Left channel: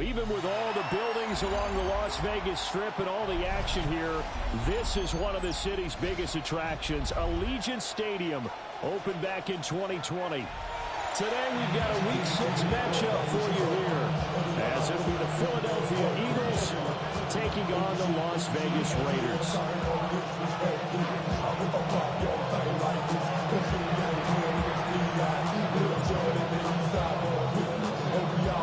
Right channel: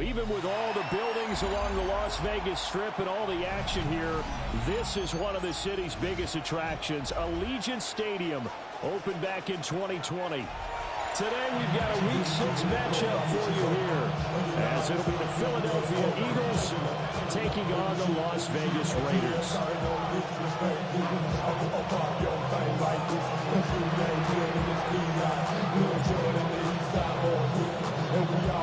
Well, even with all the buildings along the Las Vegas Strip and all the action here, this is one of the city's biggest attractions. Allegiant Stadium opened back in 2020. Today we've got a Week 6 matchup for you here, as it'll be the Philadelphia Eagles taking on the Las Vegas Raiders.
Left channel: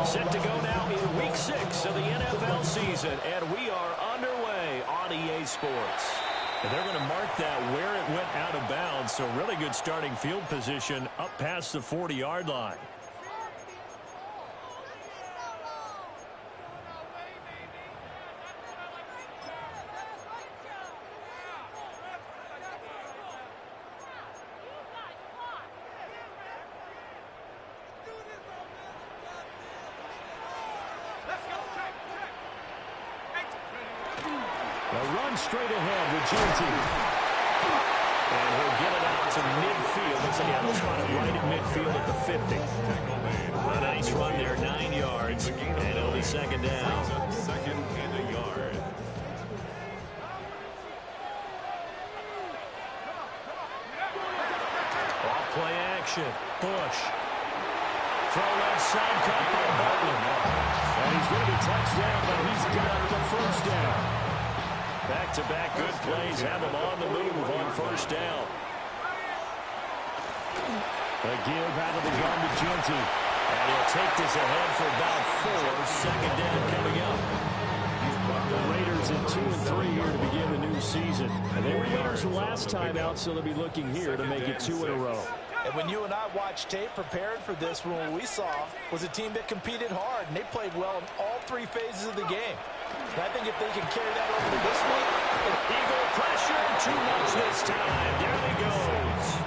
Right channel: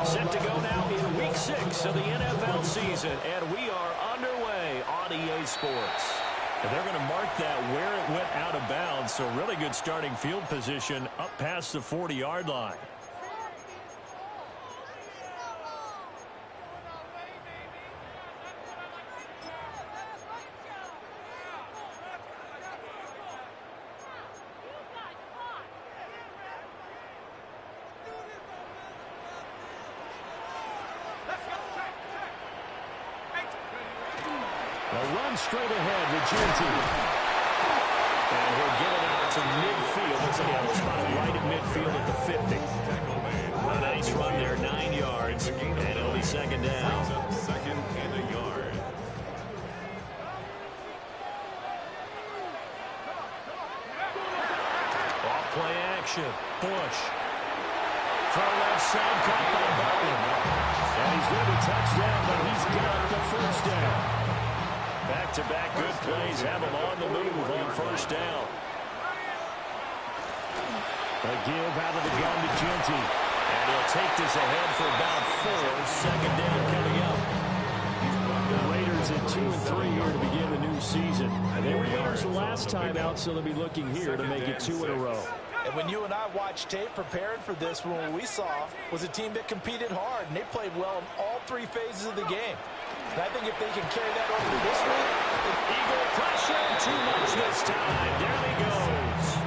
Set to go now in Week 6 of the NFL season, and we are underway on EA Sports. And they're going to mark that where it went out of bounds, so really good starting field position up past the 40-yard line. Straight ahead with Genty. And he'll get it out to midfield. Looks like he'll spot it right at midfield at the 50. A nice run there, 9 yards. And it'll be second down. Second and a yard. Off play action. Bush. Throw left side, caught by Butler. And he's going to be touchdown, but he's got the first down. Back-to-back good plays have him on the move on first down. A give out of the gun to Genty. And he'll take this ahead for about 4. Second down coming up. The Raiders at 2-3 here to begin the new season. And they were winners last time out, so they'll be looking here to make it 2 in a row. And when you and I watched tape preparing for this, what we saw was a team that competed hard, and they played well in all 3 phases of the game. And I think if they can carry that over to this week, Eagle pressure, too much this time. Down he goes.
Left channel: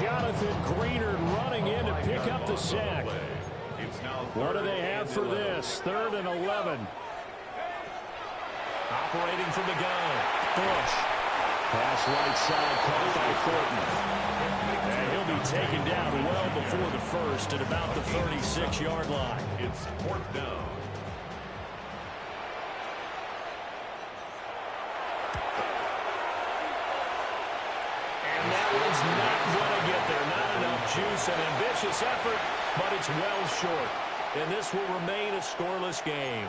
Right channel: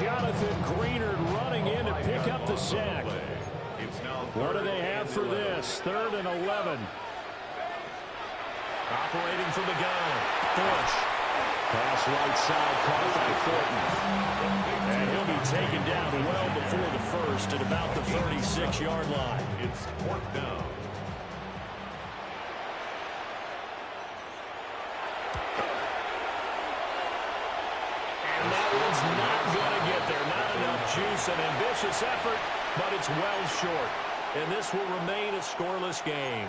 Jonathan Greenard running in to pick up the sack. What do they have for this? 3rd and 11. Operating from the gun. Bush. Pass right side, caught by Thornton. And he'll be taken down well before the first at about the 36-yard line. It's 4th down. And that one's not going to get there. Not enough juice. An ambitious effort, but it's well short. And this will remain a scoreless game.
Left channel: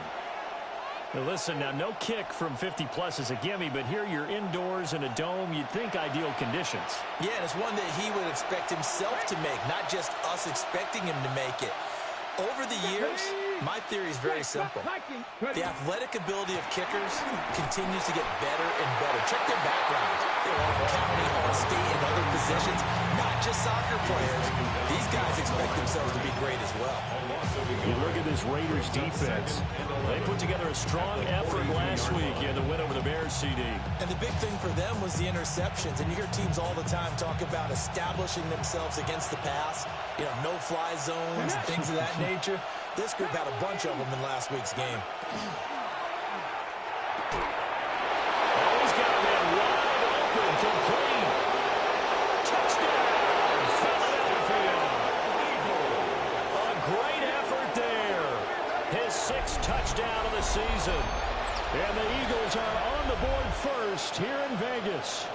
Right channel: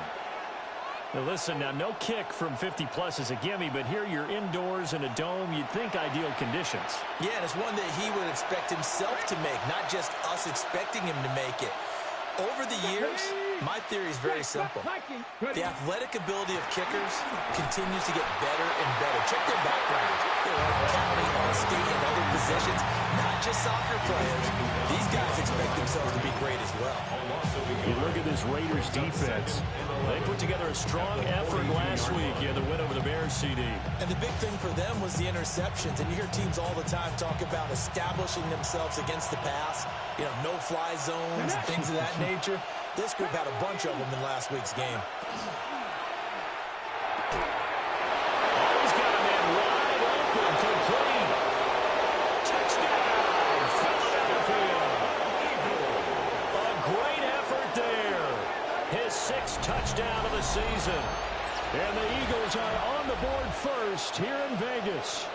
Now listen, now no kick from 50-plus is a gimme, but here you're indoors in a dome. You'd think ideal conditions. Yeah, and it's one that he would expect himself to make, not just us expecting him to make it. Over the years, my theory is very simple. The athletic ability of kickers continues to get better and better. Check their backgrounds. They're all county, all state, and other positions, not just soccer players. These guys expect themselves to be great as well. You look at this Raiders defense. They put together a strong effort last week in the win over the Bears, CD. And the big thing for them was the interceptions. And you hear teams all the time talk about establishing themselves against the pass, you know, no-fly zones and things of that nature. This group had a bunch of them in last week's game. Oh, he's got a man wide open, complete. Touchdown, Philadelphia. A great effort there. His 6th touchdown of the season. And the Eagles are on the board first here in Vegas.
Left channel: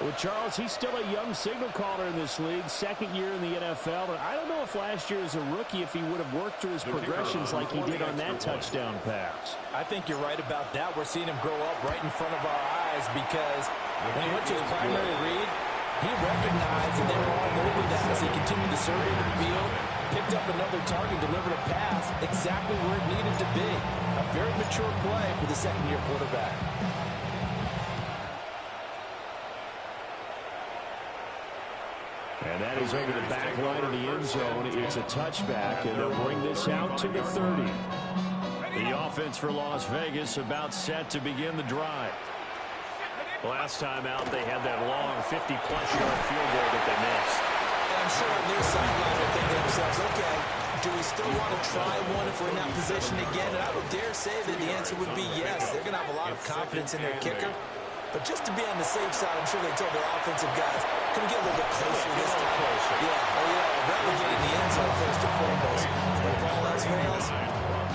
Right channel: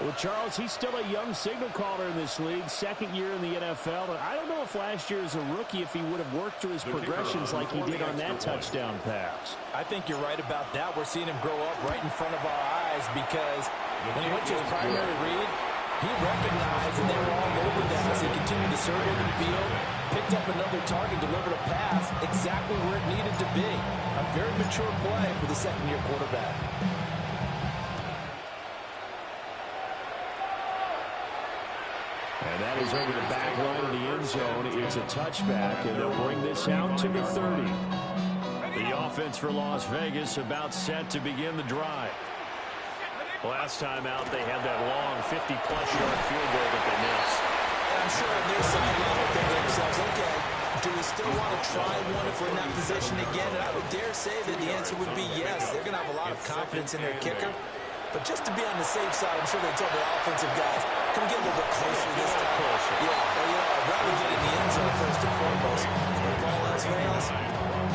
Well, Charles, he's still a young signal caller in this league, 2nd year in the NFL. And I don't know if last year as a rookie, if he would have worked through his progressions like he did on that touchdown pass. I think you're right about that. We're seeing him grow up right in front of our eyes because when he went to his primary read, he recognized that they were all over that as he continued to survey the field, picked up another target, delivered a pass exactly where it needed to be. A very mature play for the 2nd-year quarterback. And that is over the back line of the end zone. It's a touchback, and they'll bring this out to the 30. The offense for Las Vegas about set to begin the drive. Last time out, they had that long 50-plus yard field goal that they missed. And I'm sure on their sideline they're thinking to themselves, okay, do we still want to try one if we're in that position again? And I would dare say that the answer would be yes. They're going to have a lot of confidence in their kicker. But just to be on the safe side, I'm sure they told their offensive guys, Can we get a little bit closer Yeah, this time? closer. Yeah, well, I'd rather get in the end zone first and foremost. But if all else fails,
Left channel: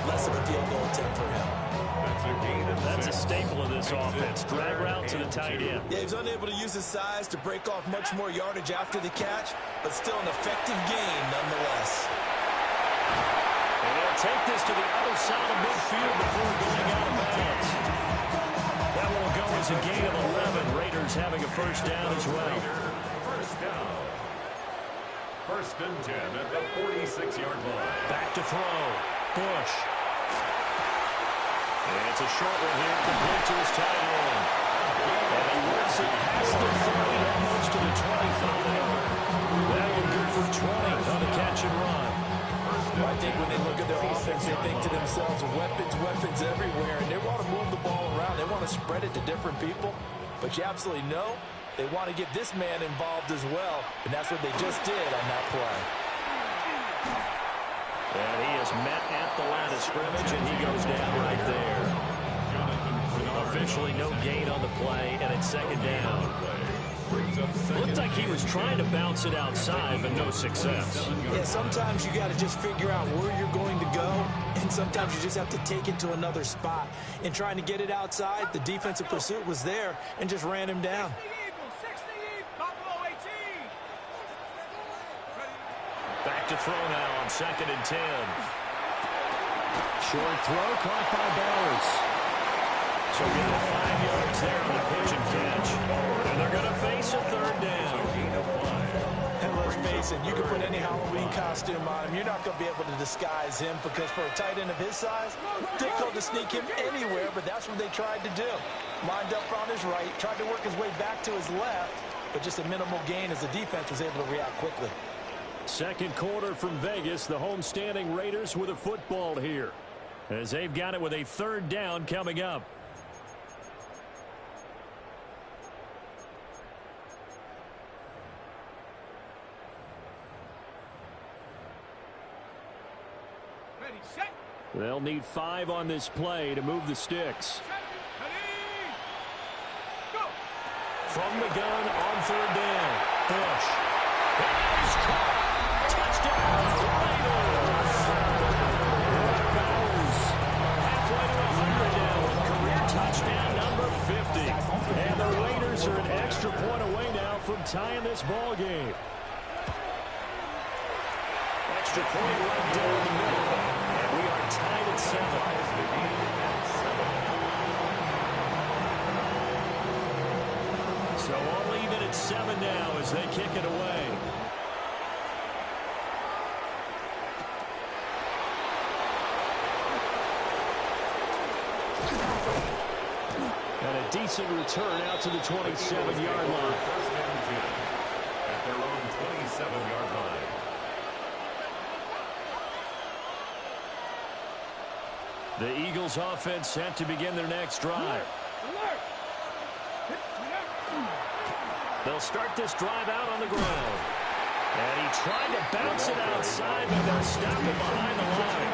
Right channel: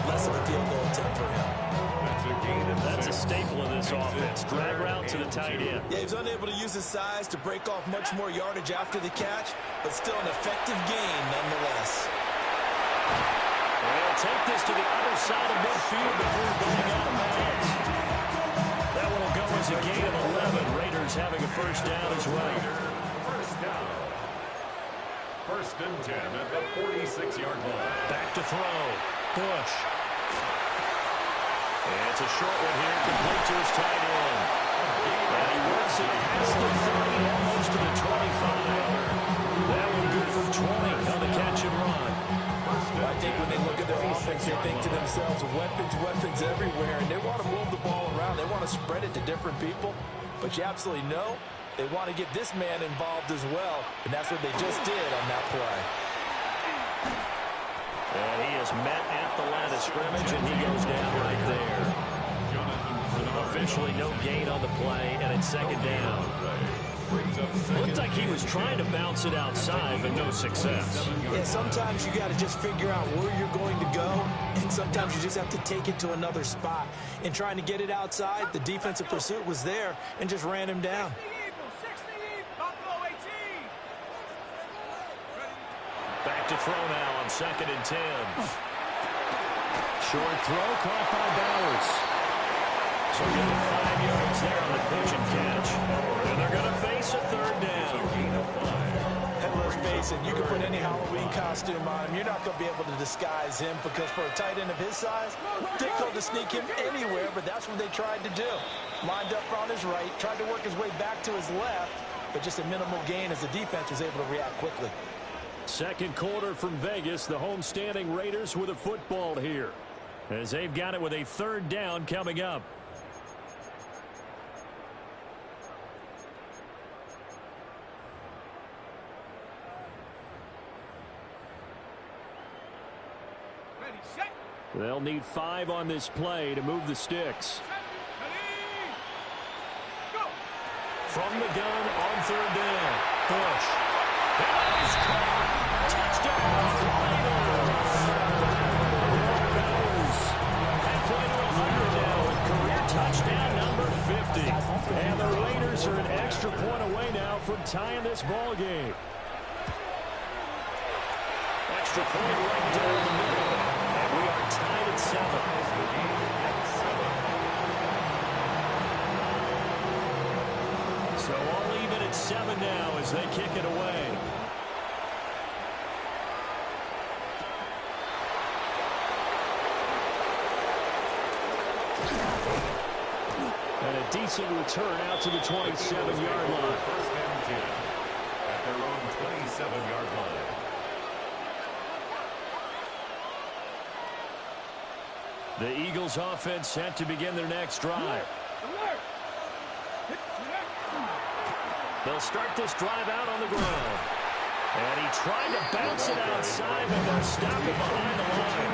less of a field goal attempt for him. That's a staple of this offense. Drag route to the tight end. Yeah, he's unable to use his size to break off much more yardage after the catch, but still an effective gain nonetheless. And they'll take this to the other side of midfield before going out of bounds. That one will go as a gain of 11. Raiders having a first down as well. First down. First and 10 at the 46-yard line. Back to throw. Bush. And it's a short one here, complete to his tight end. And he works it past the 30, almost to the 25. That one good for 20 on the catch and run. I think when they look at their offense, they think to themselves, weapons, weapons everywhere, and they want to move the ball around. They want to spread it to different people, but you absolutely know they want to get this man involved as well, and that's what they just did on that play. And he is met at the line of scrimmage, and he goes down right there. Officially no gain on the play, and it's second down. Looked like he was trying to bounce it outside, but no success. Yeah, sometimes you got to just figure out where you're going to go, and sometimes you just have to take it to another spot. In trying to get it outside, the defensive pursuit was there and just ran him down. Back to throw now on second and 10. Short throw caught by Bowers. So give him 5 yards there on the pitch and catch. And they're going to face a third down. And let's face it, you can put any Halloween costume on him. You're not going to be able to disguise him because for a tight end of his size, difficult to sneak him anywhere, but that's what they tried to do. Lined up on his right, tried to work his way back to his left, but just a minimal gain as the defense was able to react quickly. Second quarter from Vegas, the homestanding Raiders with a football here, as they've got it with a third down coming up. Ready, set. They'll need 5 on this play to move the sticks. Ready, go. From the gun on third down. Bush. And he's caught. Touchdown, Raiders. Bowers halfway to 100 now with career touchdown number 50. And the Raiders are an extra point away now from tying this ball game. Extra point right down the middle. And we are tied at 7. So all even at 7 now as they kick it away. And a decent return out to the 27-yard line. First and 10 at their own 27-yard line. The Eagles offense set to begin their next drive. They'll start this drive out on the ground. And he tried to bounce it outside, but they'll stop it behind the line.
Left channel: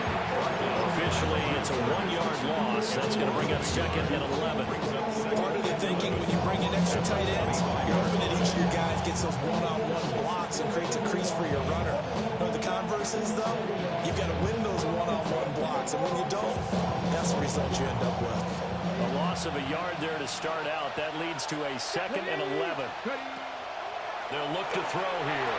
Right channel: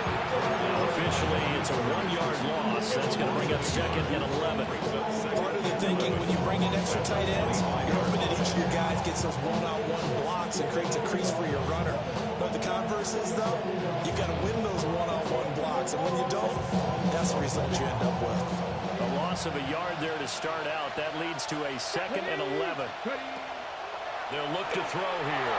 Now officially, it's a 1-yard loss. That's going to bring up second and 11. Part of the thinking when you bring in extra tight ends, you're hoping that each of your guys gets those one-on-one blocks and creates a crease for your runner. But the converse is, though, you've got to win those one-on-one blocks. And when you don't, that's the result you end up with. A loss of a yard there to start out. That leads to a second and 11. They'll look to throw here.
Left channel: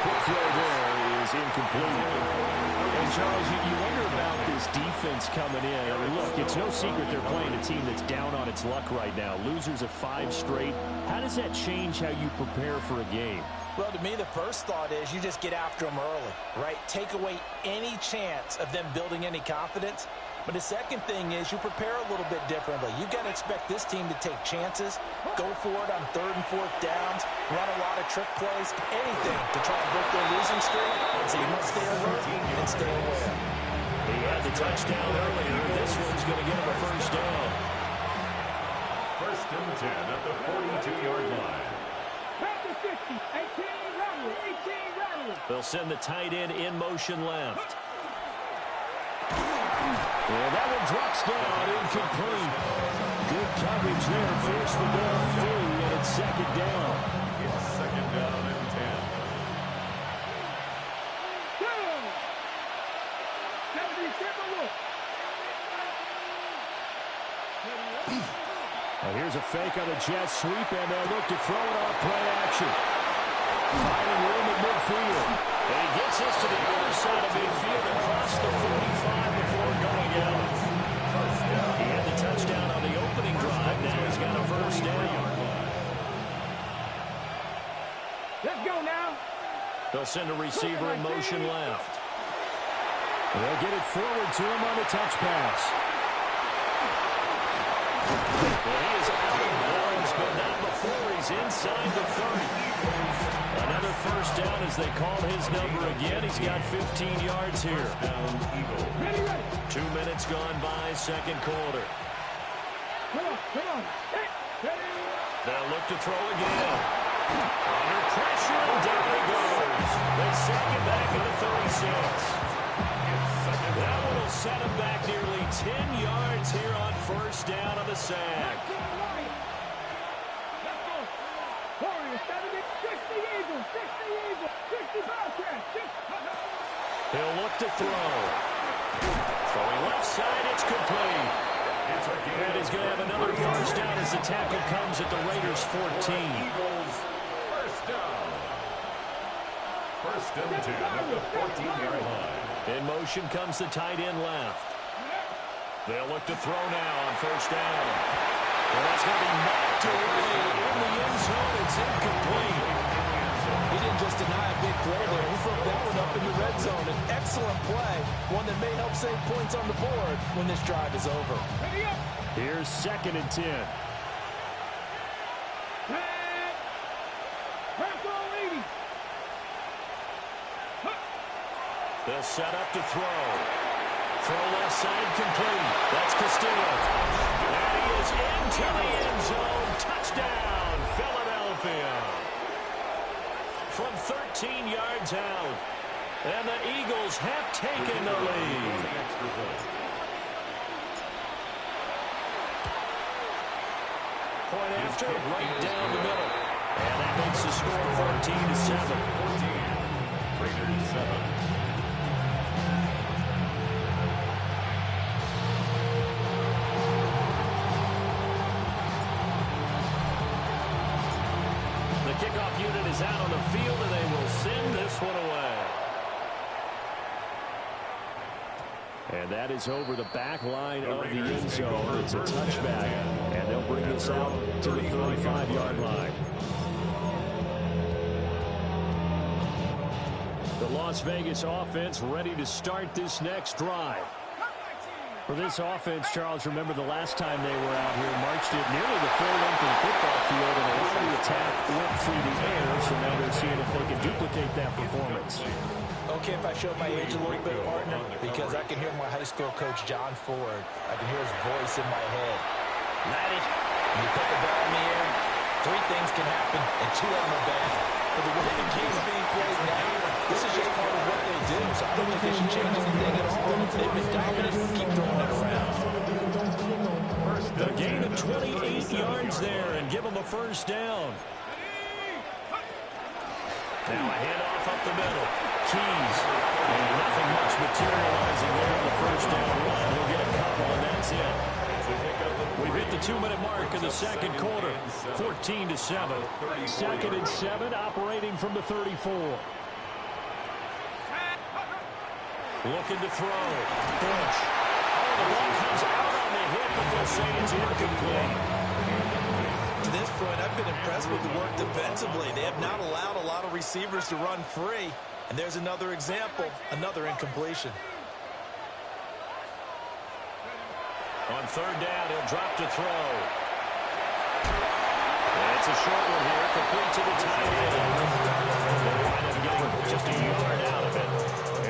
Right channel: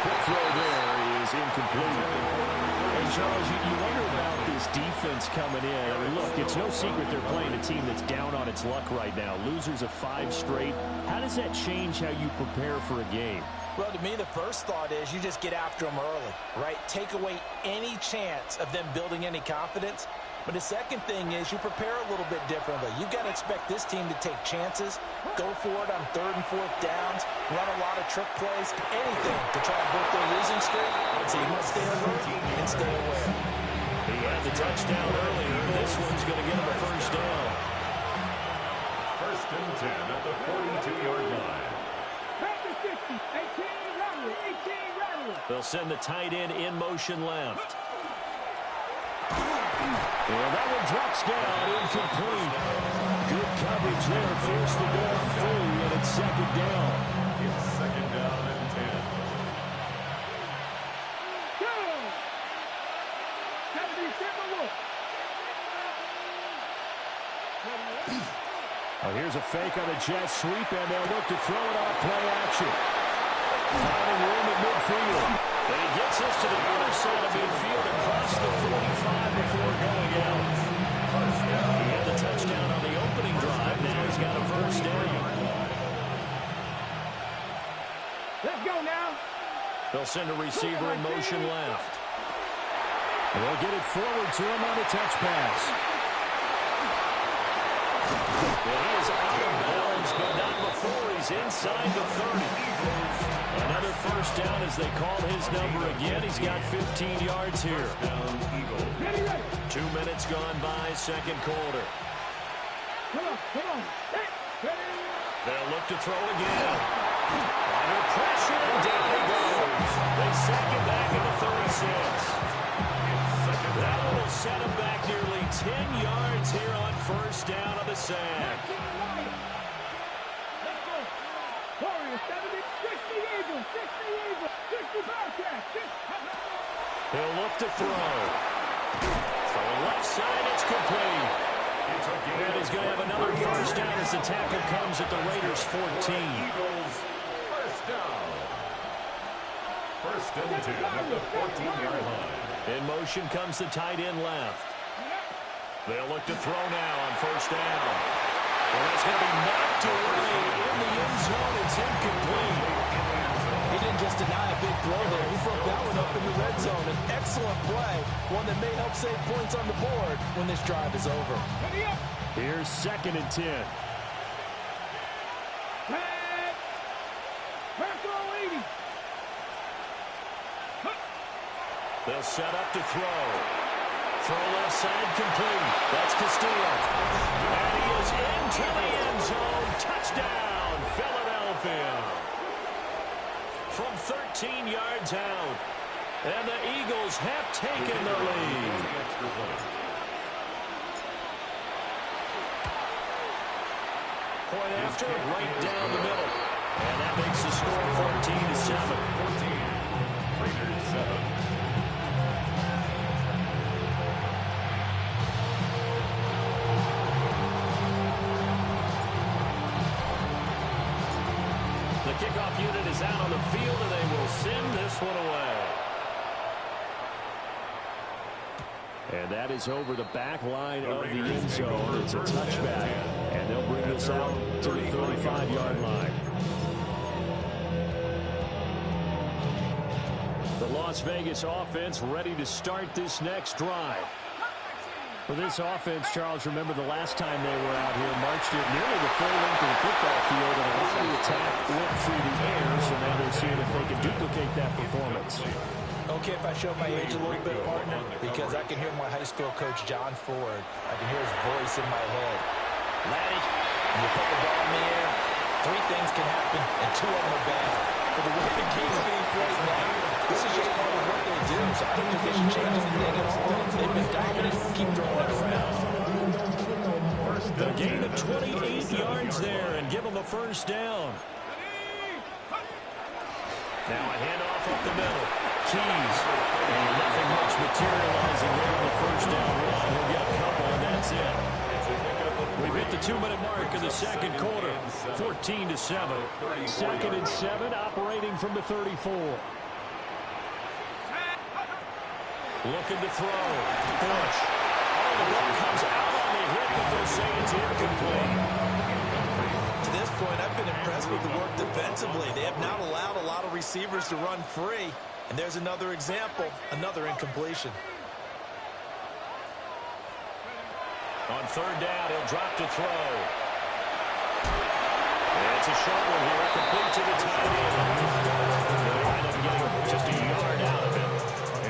Quick throw there is incomplete. And Charles, you wonder about this defense coming in. I mean, look, it's no secret they're playing a team that's down on its luck right now. Losers of 5 straight. How does that change how you prepare for a game? Well, to me, the first thought is you just get after them early, right? Take away any chance of them building any confidence. But the second thing is you prepare a little bit differently. You've got to expect this team to take chances, go for it on 3rd and 4th downs, run a lot of trick plays, anything to try and break their losing streak. So you must stay alert and stay aware. He had the touchdown earlier. This one's going to get him a first down. First and 10 at the 42-yard line. Practice 50, 18 Rattler, 18 Rattler. They'll send the tight end in motion left. Well, that one drops down, incomplete. Good coverage there, forced the ball free, and it's second down. It's second down and 10. Well, here's a fake on the jet sweep, and they'll look to throw it off play action. Finding room at midfield. And he gets us to the other side of midfield across the 45 before going out. He had the touchdown on the opening drive. Now he's got a first down. Let's go now. They'll send a receiver in motion left. They'll get it forward to him on a touch pass. Well, he is out of bounds, but not before he's inside the 30. Another first down as they call his number again. He's got 15 yards here. 2 minutes gone by, second quarter. Come on. Hey, ready. They'll look to throw again. Under pressure, and down he goes. They sack him back at the 36. That one will set him back nearly 10 yards here on first down of the sack. Let's go. Warriors, 70, 60 Eagles, 60 Bobcats. He'll look to throw. Throwing left side, it's complete. And he's going to have another first down as the tackle comes at the Raiders' 14. Eagles, first down. First and 10 at the 14-yard line. In motion comes the tight end left. They'll look to throw now on first down. Well, that's going to be knocked away in the end zone. It's incomplete. He didn't just deny a big throw there. He broke that one up in the red zone. An excellent play, one that may help save points on the board when this drive is over. Ready up. Here's second and 10. They'll set up to throw. Throw left side complete. That's Castillo. And he is into the end zone. Touchdown, Philadelphia. From 13 yards out. And the Eagles have taken the lead. Point after, right down the middle. And that makes the score 14-7. 14. Raiders 7. The kickoff unit is out on the field, and they will send this one away. And that is over the back line of the end zone. It's a touchback, and they'll bring this out to the 35-yard line. The Las Vegas offense ready to start this next drive. For this offense, Charles, remember the last time they were out here, marched it nearly the full length of the football field, and a lot of the attack went through the air, so now they're seeing if they can duplicate that performance. Okay, if I show my age a little bit, partner, because I can hear my high school coach, John Ford. I can hear his voice in my head. Laddie, when you put the ball in the air, 3 things can happen, and 2 of them are bad. For the way the game's being played now, this is just part of what they do, so I don't think they should change anything at all. They've been dominant. Keep throwing it around. A gain of 28 yards there and give them a first down. Now a handoff up the middle. Keys. And nothing much materializing there on the first down run. He'll get a couple, and that's it. We've hit the 2-minute mark in the second quarter. 14-7. Second and 7, operating from the 34. Looking to throw. Bush. Oh, the ball comes out on the hit, but they'll say it's incomplete. To this point, I've been impressed with the work defensively. They have not allowed a lot of receivers to run free. And there's another example, another incompletion. On third down, he'll drop to throw. It's a short one here, complete to the tight end. They'll wind up getting just a yard out of it.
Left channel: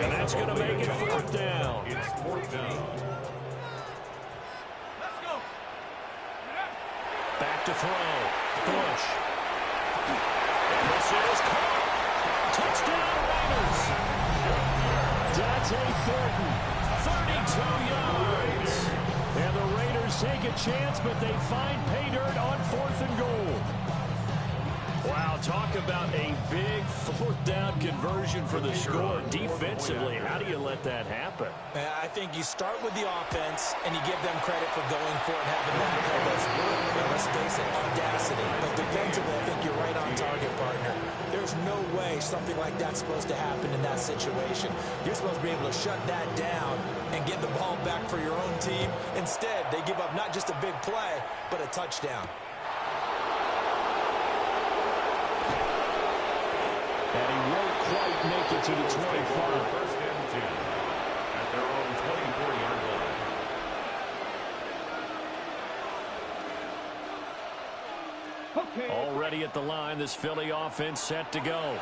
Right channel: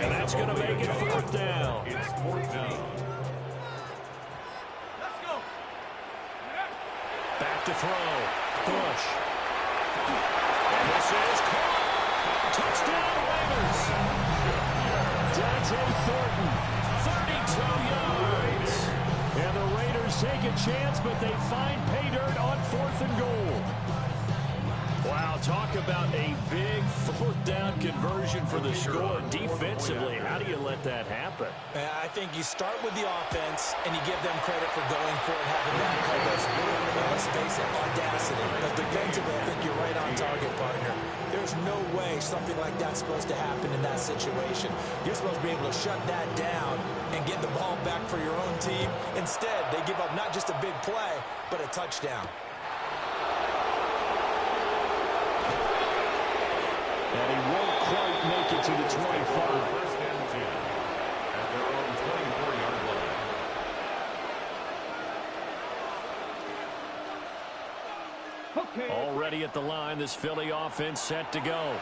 And that's going to make it fourth down. It's fourth down. Let's go. Back to throw. Bush. And this is caught. Touchdown Raiders. Dante Thornton, 32 yards. And the Raiders take a chance, but they find pay dirt on 4th and goal. Wow, talk about a big fourth down conversion for the score. Defensively, how do you let that happen? I think you start with the offense, and you give them credit for going for it, having that kind of, well, let's face it, audacity. But defensively, I think you're right on target, partner. There's no way something like that's supposed to happen in that situation. You're supposed to be able to shut that down and get the ball back for your own team. Instead, they give up not just a big play, but a touchdown. And he won't quite make it to the 25. First and 10 at their own 24-yard line. Okay. Already at the line, this Philly offense set to go.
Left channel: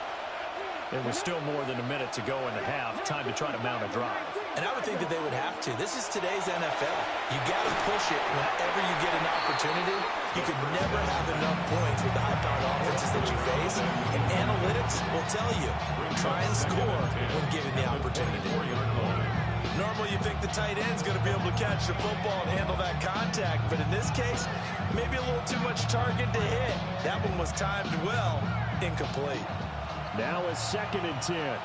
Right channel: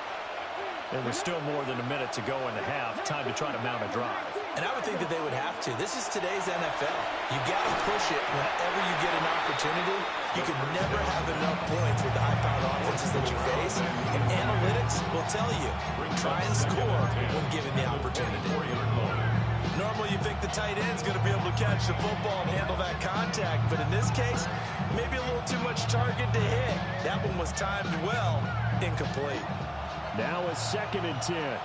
And with still more than a minute to go in the half, time to try to mount a drive. And I would think that they would have to. This is today's NFL. You got to push it whenever you get an opportunity. You can never have enough points with the high-powered offenses that you face. And analytics will tell you, try and score when given the opportunity. Normally you think the tight end's going to be able to catch the football and handle that contact. But in this case, maybe a little too much target to hit. That one was timed well, incomplete. Now a 2nd and 10. Warriors,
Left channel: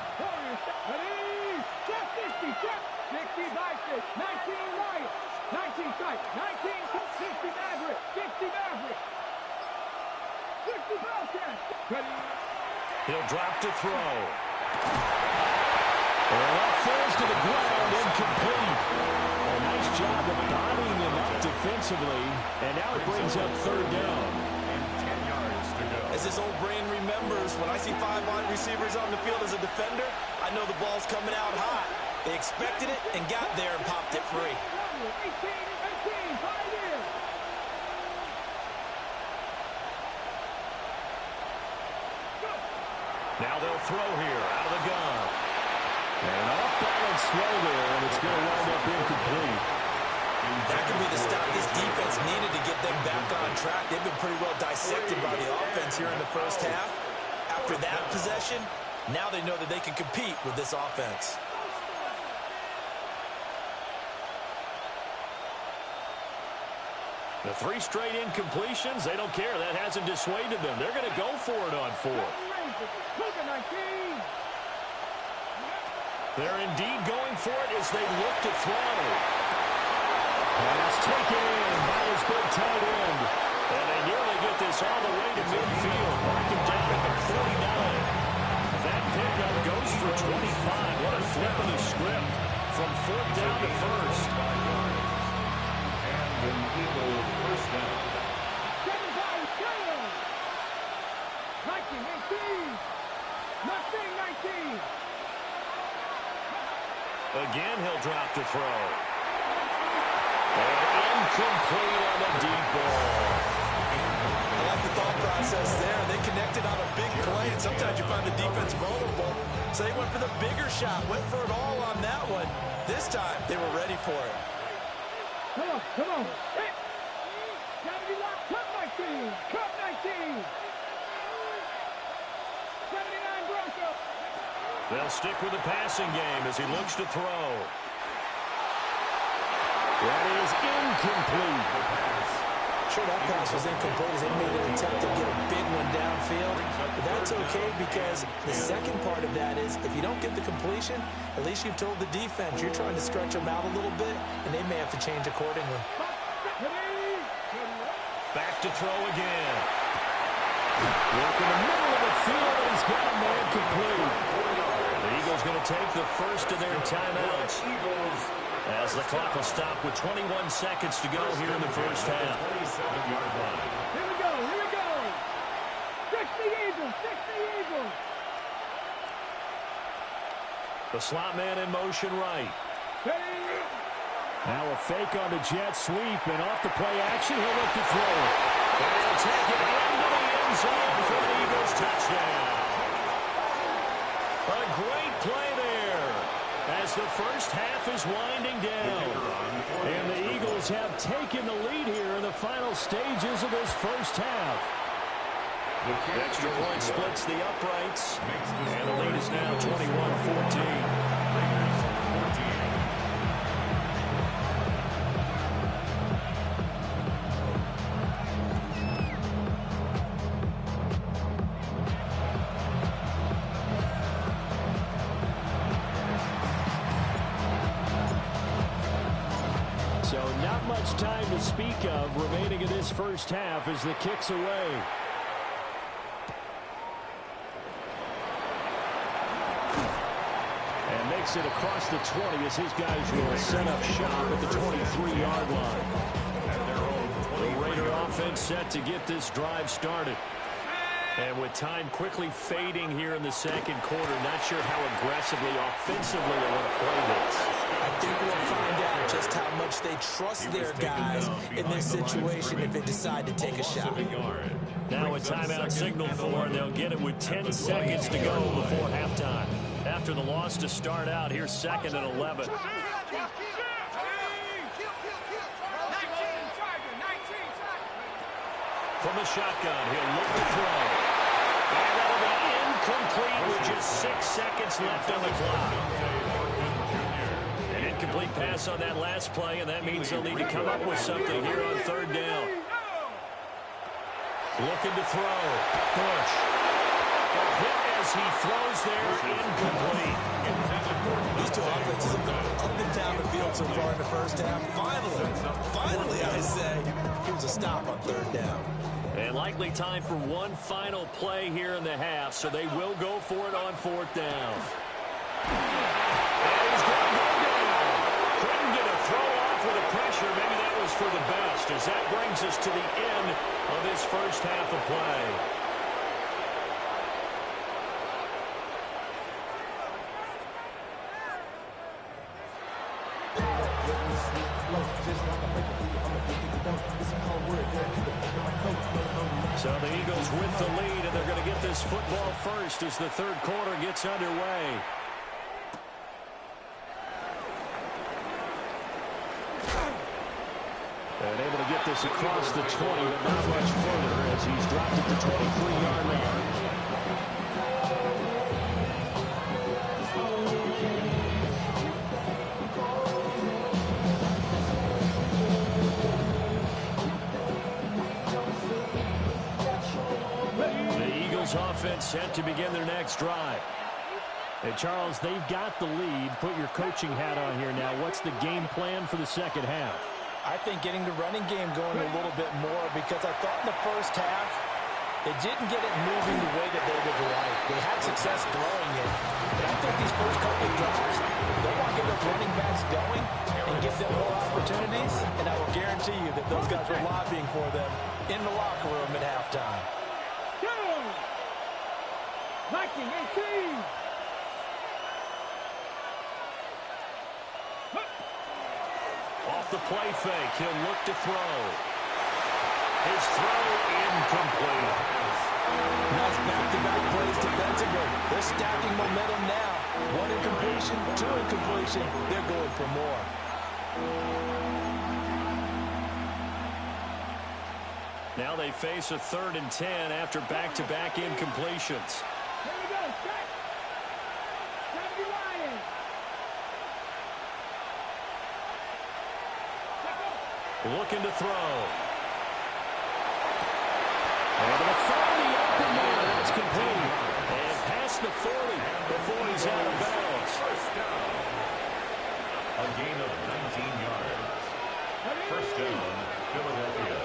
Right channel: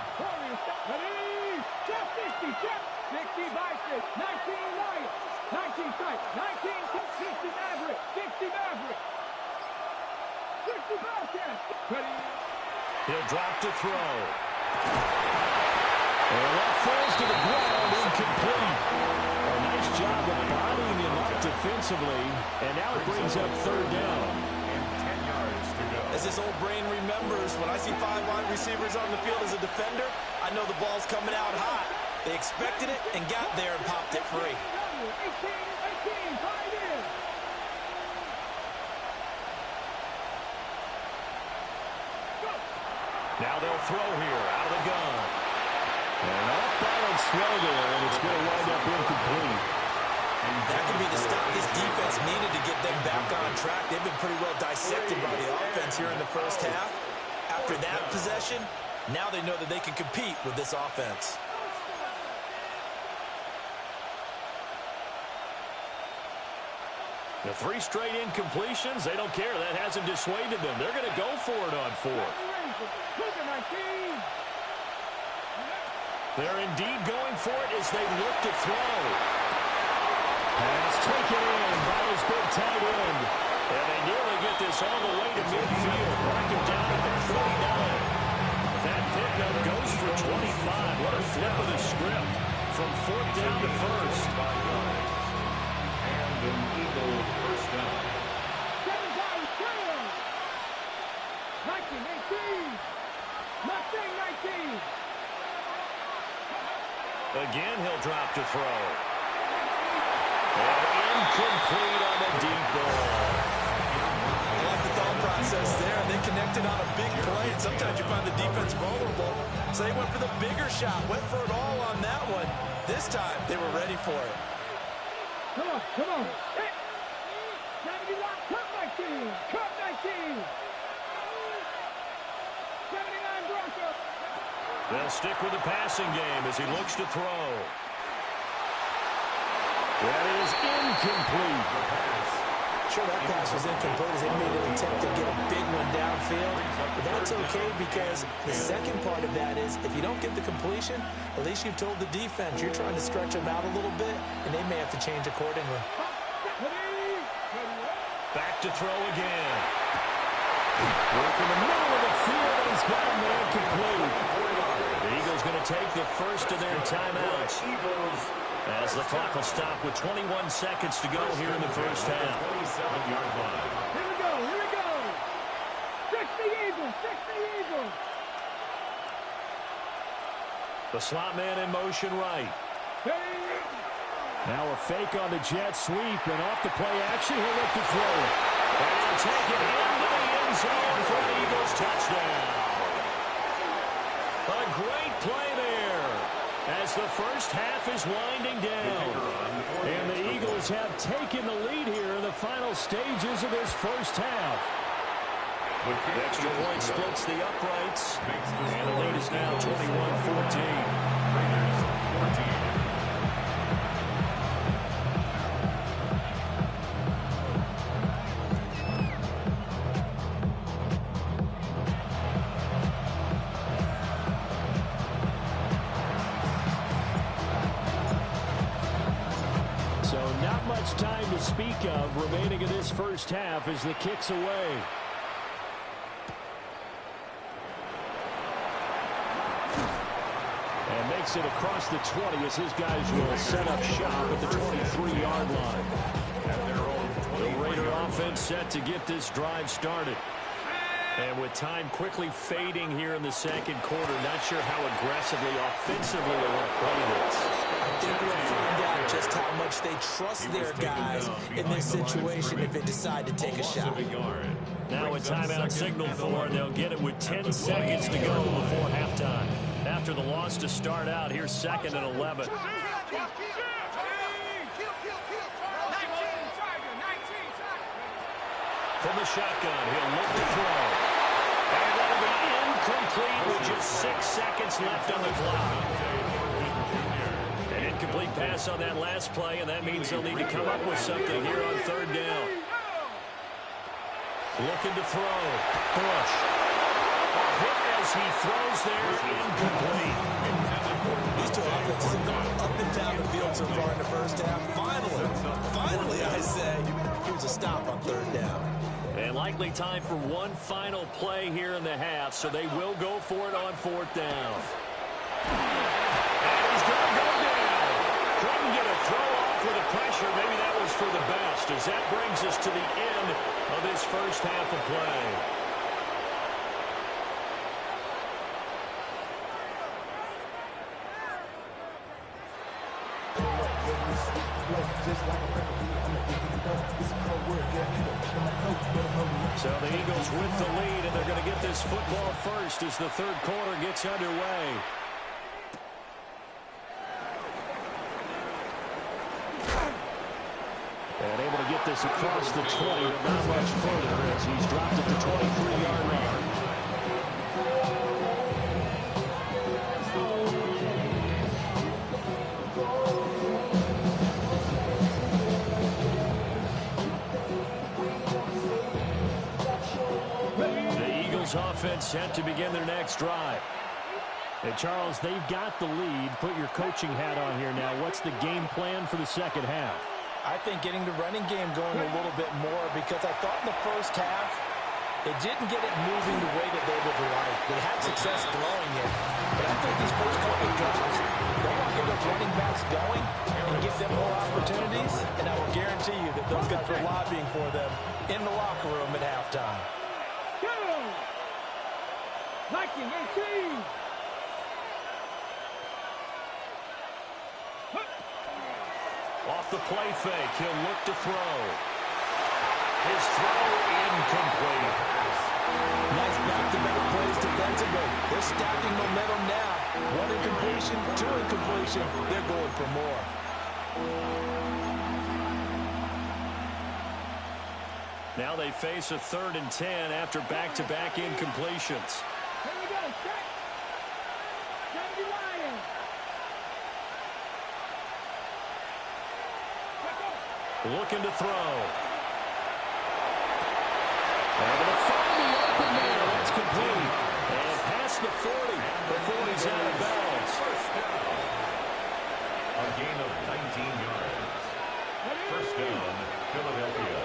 ready, check 60, check, 60 Vikings, 19 Lions, 19 Strike, 19, 60 Maverick, 60 Maverick, 60 Bobcats, ready. He'll drop to throw. And that falls to the ground, incomplete. A nice job of bodying him up defensively, and now it brings up 3rd down. And 10 yards to go. As this old brain remembers, when I see 5 wide receivers on the field as a defender, I know the ball's coming out hot. They expected it and got there and popped it free. 18, 5 in. Now they'll throw here out of the gun. And off-balance throw there, and it's going to wind up incomplete. That could be the stop this defense needed to get them back on track. They've been pretty well dissected by the offense here in the first half. After that possession, now they know that they can compete with this offense. The 3 straight incompletions, they don't care. That hasn't dissuaded them. They're going to go for it on 4th. They're indeed going for it as they look to throw. Pass taken in by his big tight end. And they nearly get this all the way to midfield. Mark him down at the 49. That pickup goes for 25. What a flip of the script from 4th down to 1st. And an Eagle first down. 19, 18. Mustang 19. Again, he'll drop to throw. And incomplete on the deep ball. I like the thought process there. They connected on a big play, and sometimes you find the defense vulnerable. So they went for the bigger shot, went for it all on that one. This time, they were ready for it. Come on, come on. Hey. Gotta be locked. Cup 19. Cup 19. 79 Broncos. They'll stick with the passing game as he looks to throw. That is incomplete. Sure, that pass was incomplete as they made an attempt to get a big one downfield. But that's okay because the second part of that is if you don't get the completion, at least you've told the defense you're trying to stretch them out a little bit, and they may have to change accordingly. Back to throw again. Work in the middle of the field, and he's got a man complete. The Eagles going to take the first of their timeouts as the clock will stop with 21 seconds to go here in the first half. 27-yard line. Here we go, here we go. 60 Eagles, 60 Eagles. The slot man in motion right. Now a fake on the jet sweep, and off the play action, he'll look to throw it. And he'll take it into the end zone for an Eagles touchdown. A great play there as the first half is winding down. And the Eagles have taken the lead here in the final stages of this first half. The extra point splits the uprights, and the lead is now 21-14. Raiders 14. much time to speak of remaining in this first half as the kick's away. And makes it across the 20 as his guys will set up shop at the 23-yard line. The Raider offense set to get this drive started. And with time quickly fading here in the second quarter, not sure how aggressively, offensively they want to play this. I think we'll find out just how much they trust their guys in this situation if they decide to take a shot. Now a timeout signal for, and they'll get it with 10 seconds to go before halftime. After the loss to start out, here's 2nd and 11. From the shotgun, he'll look to throw. And that'll be incomplete with just 6 seconds left on the clock. An incomplete pass on that last play, and that means they'll need to come up with something here on 3rd down. Looking to throw. Bush. A hit as he throws there, incomplete. These two offenses have gone up and down the field so far in the first half. Finally, I say, here's a stop on 3rd down. And likely time for one final play here in the half, so they will go for it on 4th down. And he's going to go down. Couldn't get a throw off with the pressure. Maybe that was for the best, as that brings us to the end of this first half of play. So the Eagles with the lead, and they're going to get this football first as the 3rd quarter gets underway. And able to get this across the 20, but not much further as he's dropped at the 23-yard line. Offense set to begin their next drive. And Charles, they've got the lead. Put your coaching hat on here now. What's the game plan for the second half? I think getting the running game going a little bit more, because I thought in the first half they didn't get it moving the way that they would like. They had success throwing it, but I think these first couple of drives, they want to get those running backs going and give them more opportunities, and I will guarantee you that those guys were lobbying for them in the locker room at halftime. 19-18. Off the play fake, he'll look to throw. His throw incomplete. Nice back-to-back plays defensively. They're stacking momentum now. 1 incompletion, 2 incompletion. They're going for more. Now they face a 3rd and 10 after back-to-back incompletions. Here we go, set. Sandy Lions. Looking to throw. Able to find the open man. That's complete. And past the 40 before he's out of bounds. First down. A gain of 19 yards. First down, Philadelphia.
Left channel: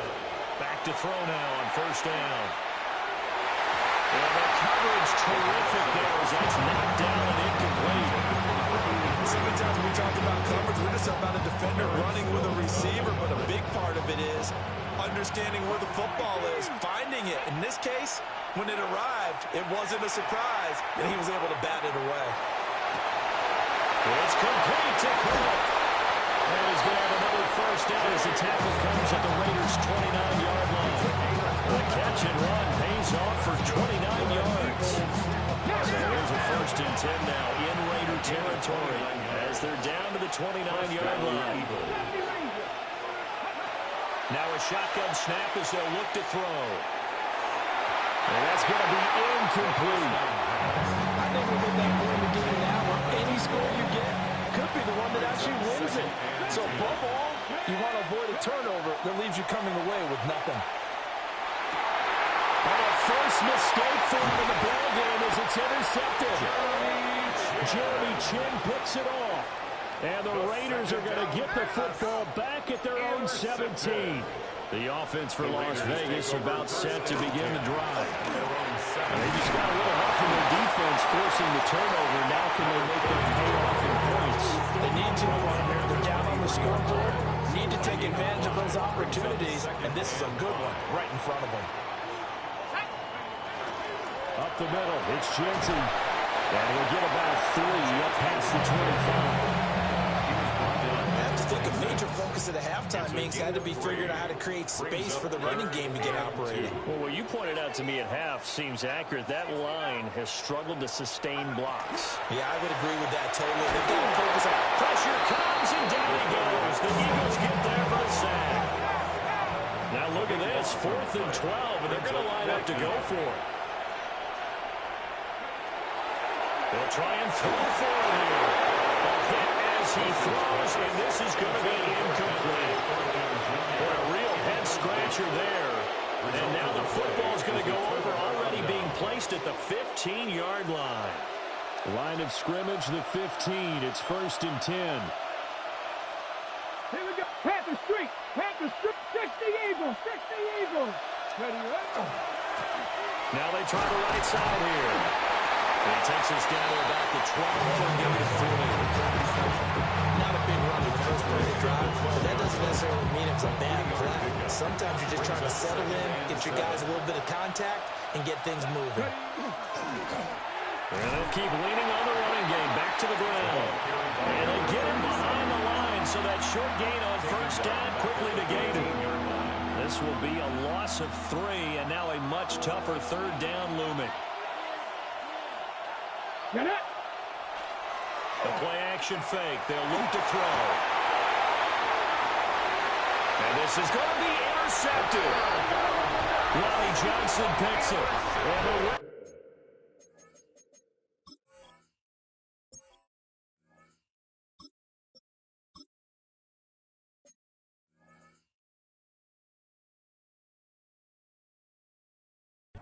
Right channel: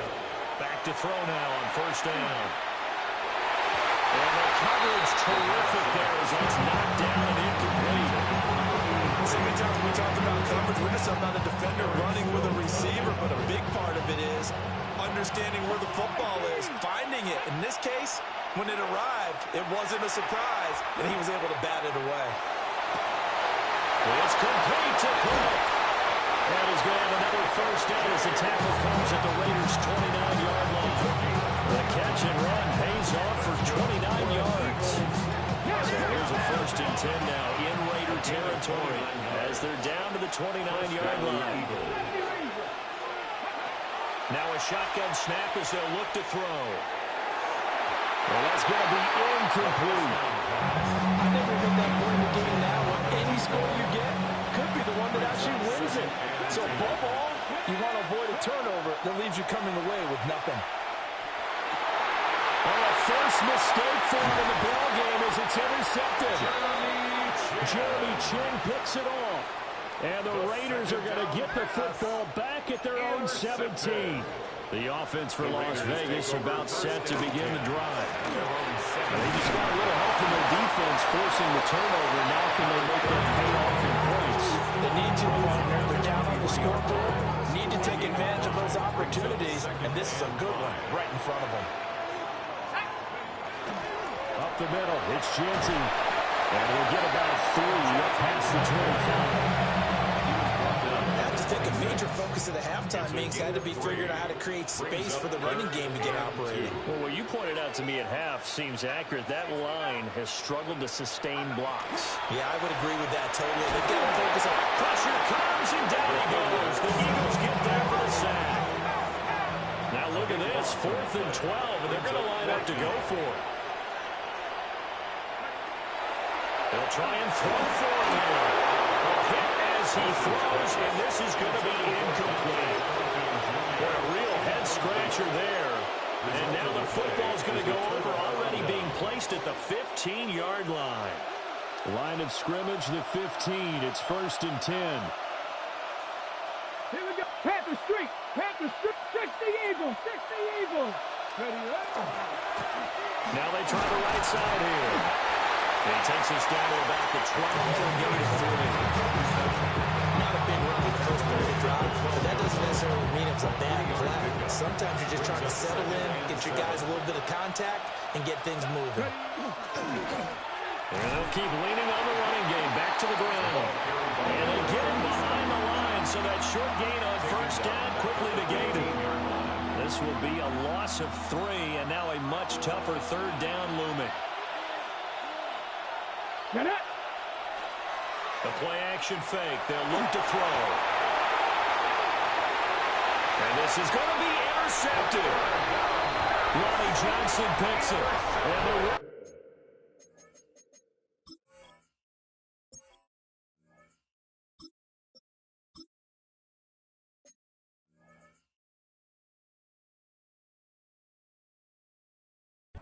Back to throw now on 1st down. And the coverage terrific there as that's knocked down and incomplete. So many times when we talked about coverage, we're just about a defender running with a receiver, but a big part of it is understanding where the football is, finding it. In this case, when it arrived, it wasn't a surprise, and he was able to bat it away. It's complete to Cook. And he's going to have another first down as the tackle comes at the Raiders' 29-yard line. The catch and run pays off for 29 yards. So here's a 1st and 10 now in Raider territory as they're down to the 29-yard line. Now a shotgun snap as they'll look to throw. And that's going to be incomplete. I think we've hit that point in the game now where any score you get could be the one that actually wins it. So above all, you want to avoid a turnover that leaves you coming away with nothing. Oh, first mistake for him in the ball game as it's intercepted. Jeremy Chin picks it off. And the Raiders are going to get the football back at their own 17. The offense for Las Vegas about set to begin the drive. And they just got a little help from their defense forcing the turnover. Now can they make that pay off in points? They need to, partner. They're down on the scoreboard. Need to take advantage of those opportunities. And this is a good one right in front of them. Up the middle, it's Genty. And he'll get about 3 up past the 25. I have to think a major focus of the halftime meetings had to be figuring out how to create space for the running game to get operating. Well, what you pointed out to me at half seems accurate. That line has struggled to sustain blocks. Yeah, I would agree with that totally. They've got to focus on... Pressure comes, and down he goes. The Eagles get there for the sack. Now look at this, 4th and 12, and they're going to line up to go for it. They'll try and throw for it here. A hit as he throws, and this is going to be incomplete. Boy, a real head-scratcher there. And now the football's going to go over, already being placed at the 15-yard line. Line of scrimmage, the 15. It's 1st and 10. Here we go. Panther Street. Panther Street. 60 Eagles. 60 Eagles. Ready, ready. Now they try the right side here. And he takes us down to about the 12 for a gain of 3. Not a big run on the first play of the drive, but that doesn't necessarily mean it's a bad play. Sometimes you're just trying to settle in, get your guys a little bit of contact, and get things moving. And they'll keep leaning on the running game back to the ground. And they get him behind the line, so that short gain on 1st down quickly negated. This will be a loss of 3, and now a much tougher 3rd down looming. Get it. The play-action fake. They'll look to throw. And this is going to be intercepted. Lonnie Johnson picks it. And the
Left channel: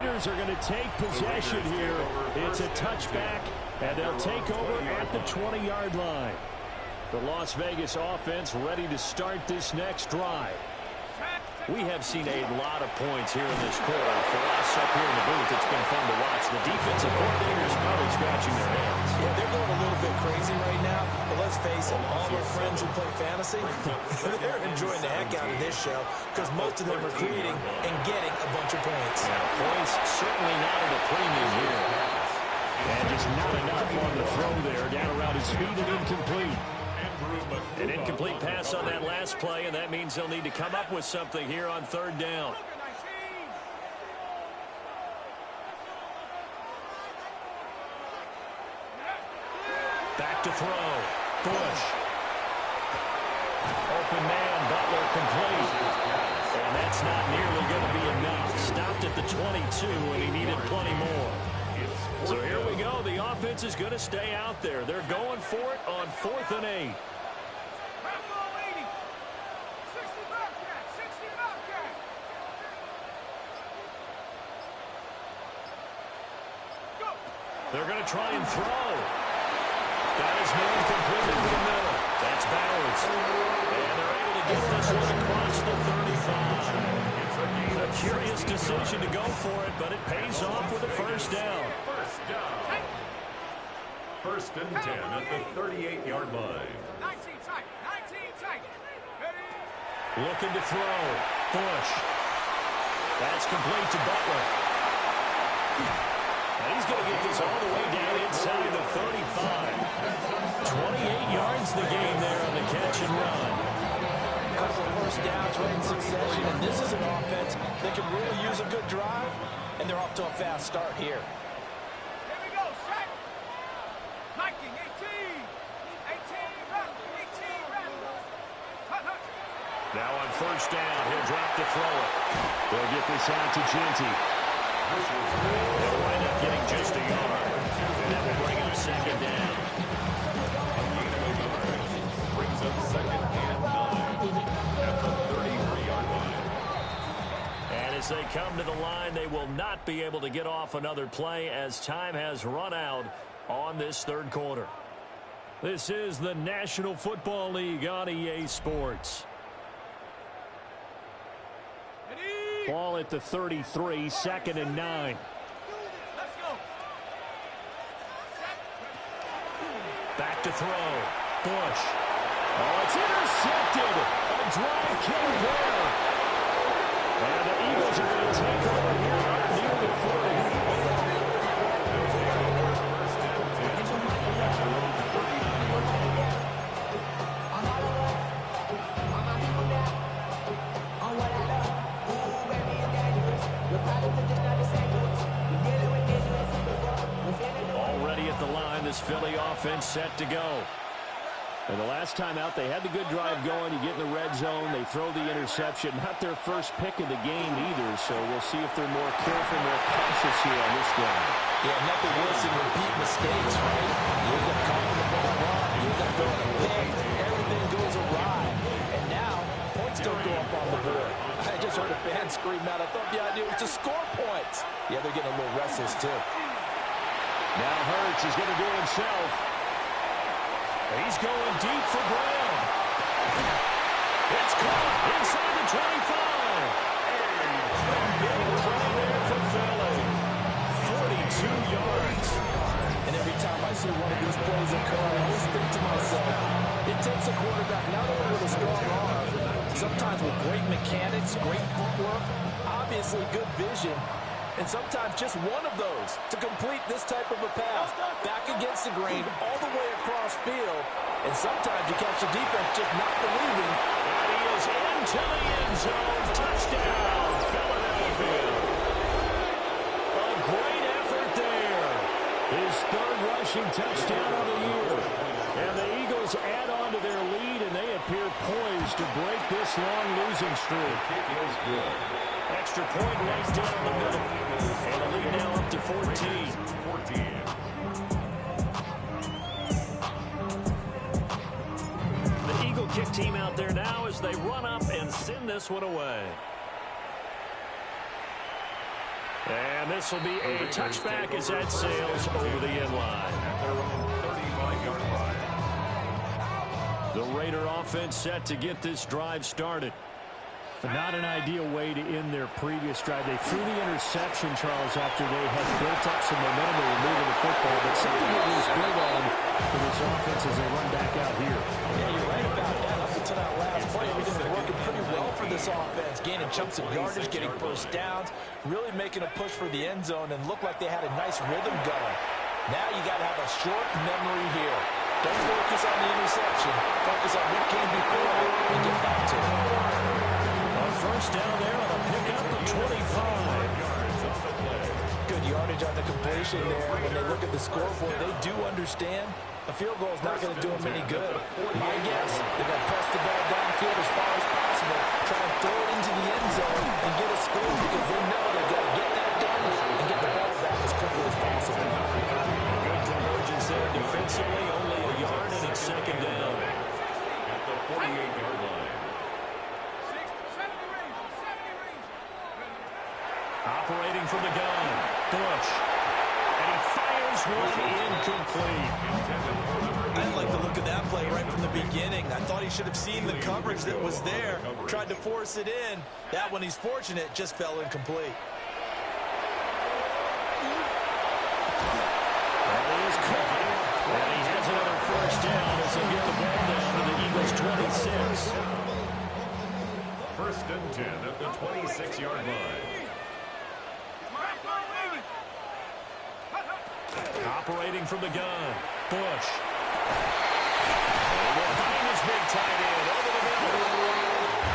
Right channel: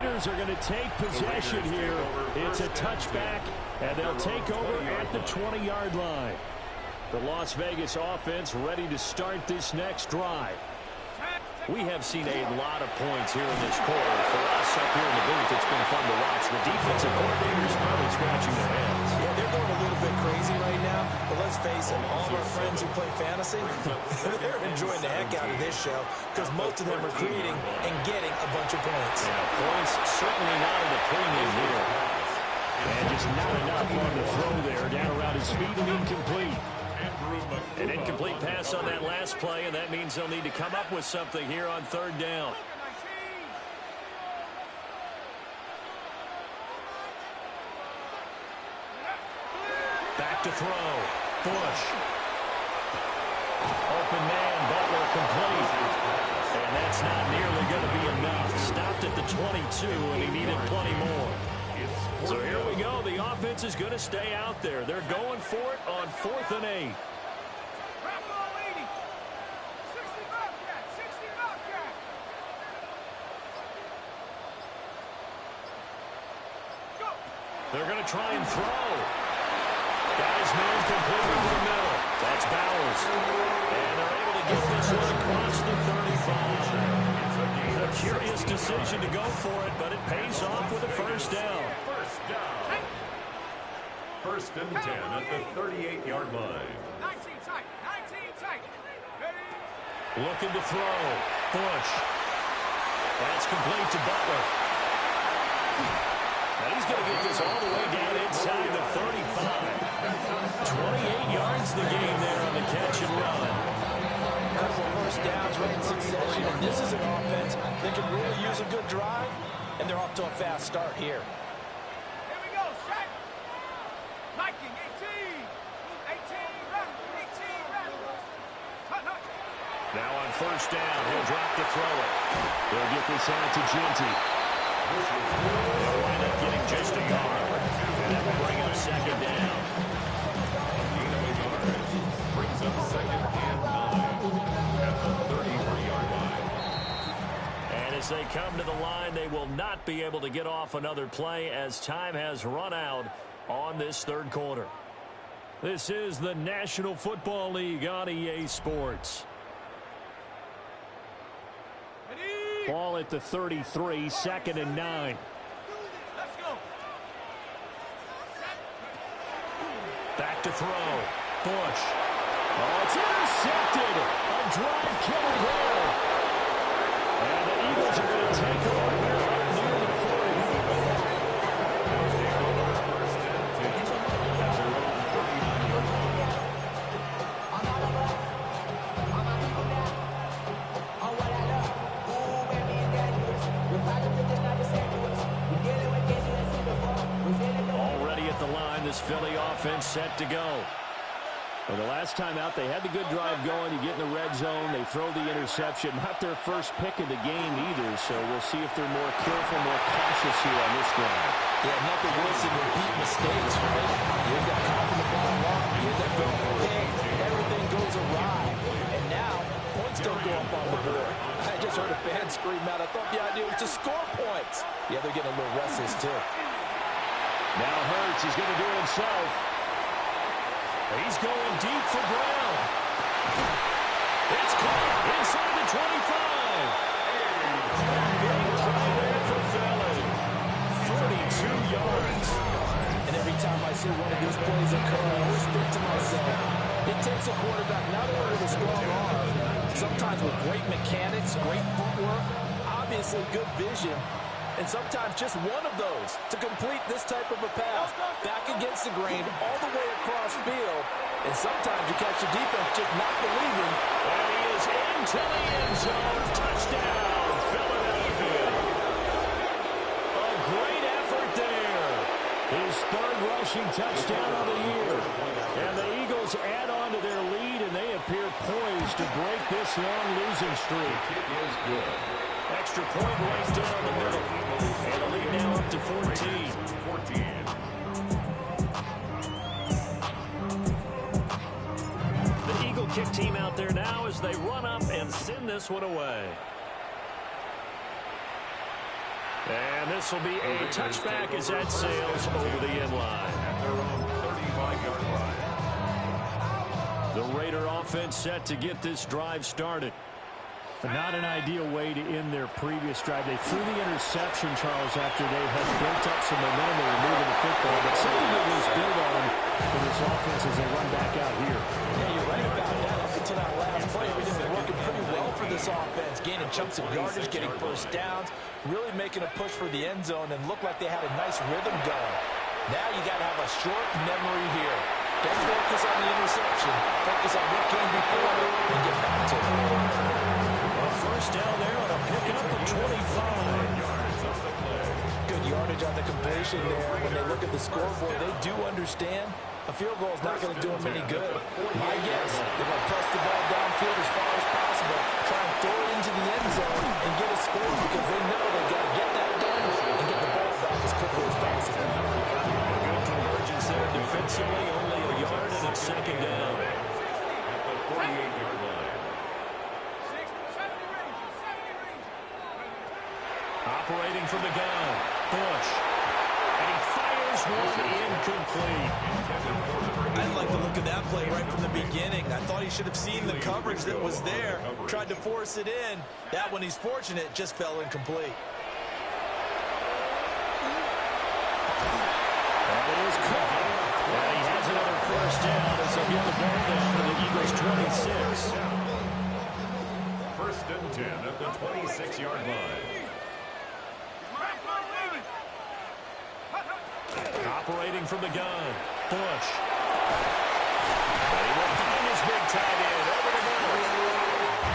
Raiders are going to take possession here. It's a touchback, and they'll take over at the 20-yard line. The Las Vegas offense ready to start this next drive. We have seen a lot of points here in this quarter. For us up here in the booth, it's been fun to watch. The defensive coordinators probably scratching their heads. Yeah, they're going a little bit crazy right now, but let's face it, all of our friends who play fantasy, they're enjoying the heck out of this show because most of them are creating and getting a bunch of points. Yeah, points certainly not at a premium here. And just not enough on the throw there. Down around his feet and incomplete. An incomplete pass on that last play, and that means they'll need to come up with something here on 3rd down. Back to throw. Bush. Open man, Butler complete. And that's not nearly going to be enough. Stopped at the 22, and he needed plenty more. So here we go. The offense is going to stay out there. They're going for it on 4th and 8. They're going to try and throw. Got his man completely to the middle. That's Bowers. And they're able to get this one across the 35. A curious decision to go for it, but it pays off with a 1st down. 1st and 10 at the 38-yard line. 19 tight. 19 tight. Ready. Looking to throw. Bush. That's complete to Butler. And he's going to get this all the way down inside the 35. 28 yards the game there on the catch and run. A couple of 1st downs right in succession, and this is an offense that can really use a good drive, and they're off to a fast start here. Here we go. Set. Viking 18. 18 round. 18 round. Hut, hut. Now on 1st down, he'll drop to throw it. They'll get this out to Genty. They'll wind up getting just a yard. And that will bring up 2nd down. A gain of a yard brings up 2nd and 9 at the 33-yard line. And as they come to the line, they will not be able to get off another play as time has run out on this 3rd quarter. This is the National Football League on EA Sports. Ball at the 33, 2nd and 9. Let's go. Back to throw. Bush. Oh, it's intercepted. A drive killer there. And the Eagles are going to take over here up near the 40. They'll take over first and 10. That's their own 39-yard line. Already at the line, this Philly offense set to go. And the last time out, they had the good drive going. You get in the red zone, they throw the interception. Not their first pick of the game either, so we'll see if they're more careful, more cautious here on this drive. Yeah, nothing worse than repeat mistakes, right? You end up coughing the ball wrong, you end up throwing a pick, everything goes awry. And now, points don't go up on the board. I just heard a fan scream out. I thought the idea was to score points. Yeah, they're getting a little restless, too. Now Hurts is going to do it himself. He's going deep for Brown. It's caught inside the 25. A big play there for Philly. 42 yards. And every time I see one of these plays occur, I always think to myself, it takes a quarterback not only with a strong arm, sometimes with great mechanics, great footwork, obviously good vision, and sometimes just one of those to complete this type of a pass. Back against the grain, all the way across field. And sometimes you catch the defense just not believing. And he is into the end zone. Touchdown, Philadelphia. A great effort there. His third rushing touchdown of the year. And the Eagles add on to their lead, and they appear poised to break this long losing streak. The kick is good. Extra point right down the middle. And the lead now up to 14. 14. The Eagle kick team out there now as they run up and send this one away. And this will be a touchback as that sails over the end line. At their own 35-yard line. The Raider offense set to get this drive started. Not an ideal way to end their previous drive. They threw the interception, Charles, after they had built up some momentum. They were moving the football, but something that was built on for this offense as they run back out here. Yeah, you're right about that. Up until that last play, everything was working pretty well for this offense. Gaining chunks of yardage, getting first downs, really making a push for the end zone, and looked like they had a nice rhythm going. Now you got to have a short memory here. Don't focus on the interception. Focus on what came before and get back to it. First down there on a pickup of 25. Good yardage on the completion there. When they look at the scoreboard, they do understand a field goal is not going to do them any good. My guess, they're going to press the ball downfield as far as possible, try and throw it into the end zone and get a score because they know they've got to get that done and get the ball back as quickly as possible. Good convergence there defensively, only a yard and it's second down. At the 48-yard line. Operating from the gun, Bush. And he fires one incomplete. I didn't like the look of that play right from the beginning. I thought he should have seen the coverage that was there, tried to force it in. That one, he's fortunate, just fell incomplete. That is caught. And he has another first down as they get the ball down to the Eagles' 26. First and 10 at the 26-yard line. Operating from the gun, Bush. And he will find his big tight end over the middle.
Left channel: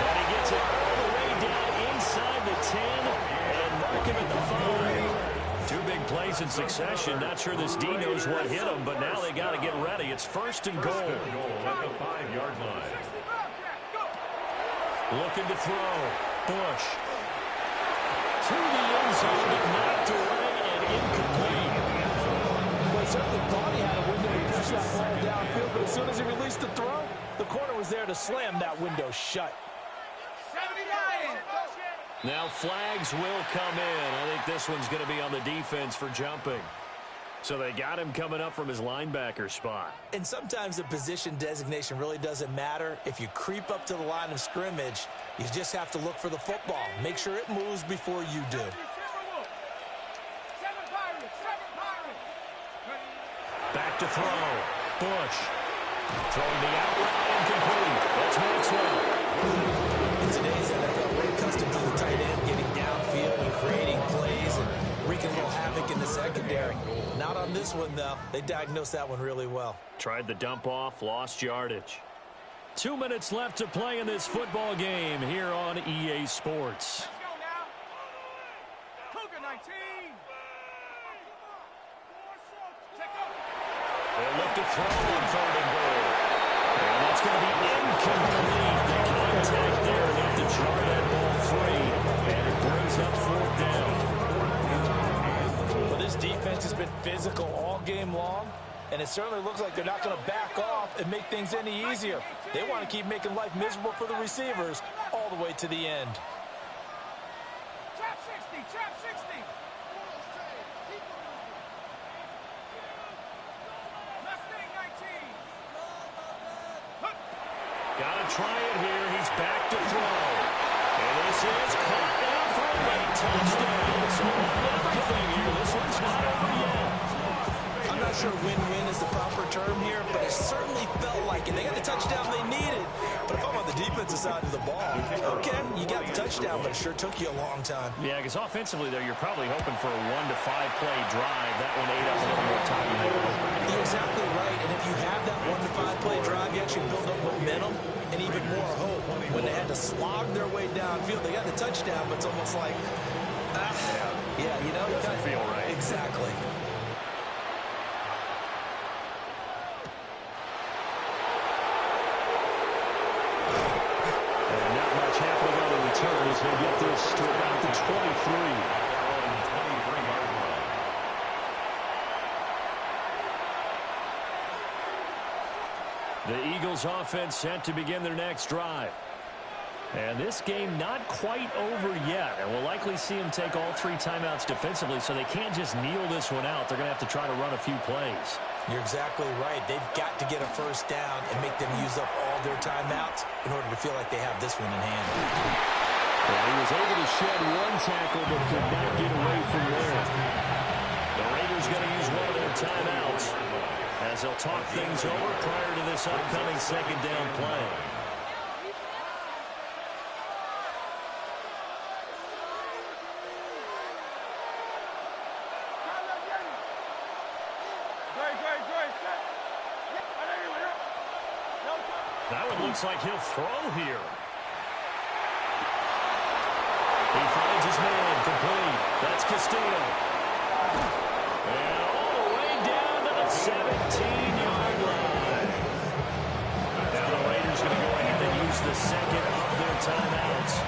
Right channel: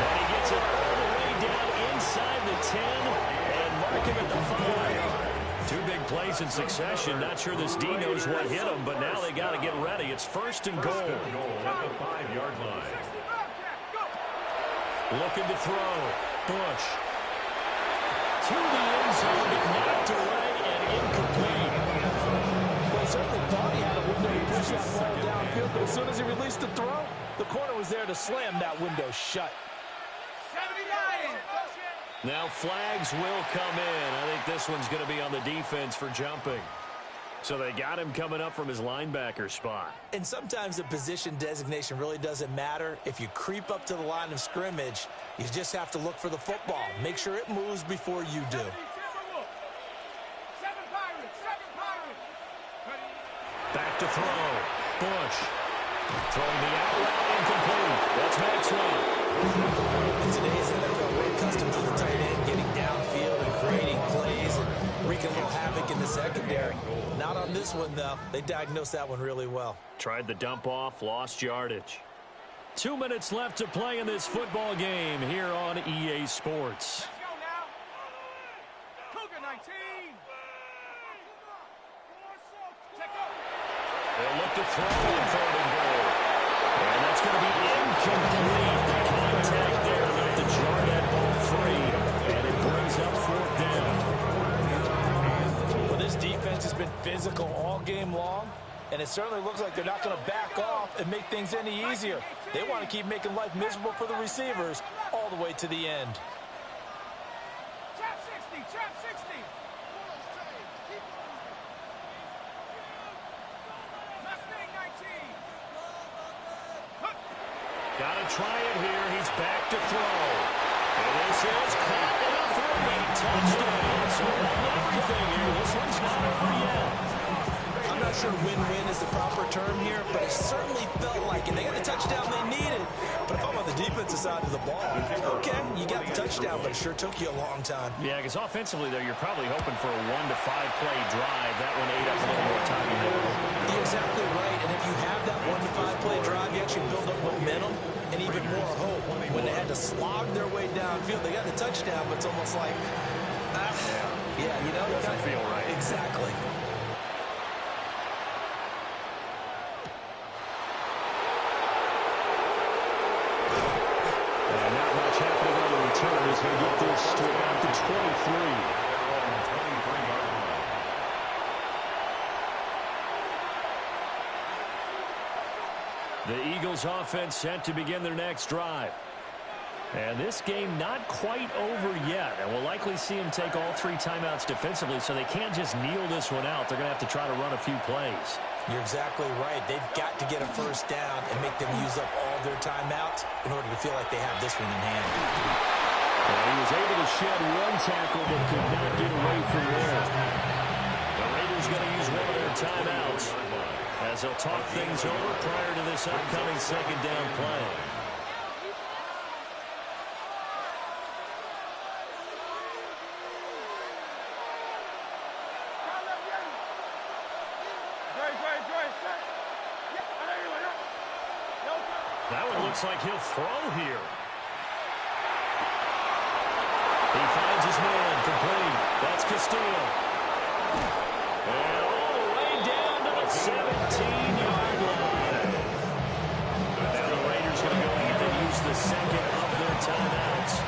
And he gets it all the way down inside the 10 and mark him at the 5. Two big plays in succession. Not sure this D knows what hit him, but now they got to get ready. It's first and goal. First and goal at the 5-yard line. Looking to throw, Bush. To the end zone, but knocked away and incomplete. Well, he certainly thought he had a window to push that ball downfield, but as soon as he released the throw, the corner was there to slam that window shut. 79. Now flags will come in. I think this one's going to be on the defense for jumping. So they got him coming up from his linebacker spot. And sometimes the position designation really doesn't matter. If you creep up to the line of scrimmage, you just have to look for the football. Make sure it moves before you do. Back to throw. Bush. Throwing the out route incomplete. That's Maxwell. In today's NFL, we're accustomed to the tight end getting downfield and creating plays and wreaking a little havoc in the secondary. Not on this one, though. They diagnosed that one really well. Tried the dump off, lost yardage. 2 minutes left to play in this football game here on EA Sports. Let's go now. Cougar 19. Check up. They'll look to throw on 3rd and goal. And that's going to be incomplete. The contact there enough to jar that ball free. And it brings up 4th down. Well, this defense has been physical all game long, and it certainly looks like they're not going to back off and make things any easier. They want to keep making life miserable for the receivers all the way to the end. Trap 60, trap 60. Mustang 19. Got to try it here. He's back to throw. And this is caught down for a late touchdown. So on everything here, this one's not over yet. I'm not sure win-win is the proper term here, but it certainly felt like it. They got the touchdown they needed, but if I'm on the defensive side of the ball, okay, you got the touchdown, but it sure took you a long time. Yeah, because offensively, though, you're probably hoping for a 1 to 5 play drive. That one ate up a little more time than they were hoping. You're exactly right, and if you have that 1 to 5 play drive, you actually build up momentum and even more hope. When they had to slog their way downfield, they got the touchdown, but it's almost like, yeah, you know, doesn't feel right. Exactly. And not much happening on the return as they get this to about the 23. Their own 23-yard line. The Eagles offense set to begin their next drive. And this game not quite over yet. And we'll likely see them take all 3 timeouts defensively, so they can't just kneel this one out. They're going to have to try to run a few plays. You're exactly right. They've got to get a first down and make them use up all their timeouts in order to feel like they have this one in hand. Well, he was able to shed 1 tackle but could not get away from there. The Raiders going to use one of their timeouts as they'll talk things over prior to this upcoming 2nd down play. That one looks like he'll throw here. He finds his man, complete. That's Castillo. And all the way down to the 17-yard line. Now the Raiders going to go ahead and use the 2nd of their timeouts.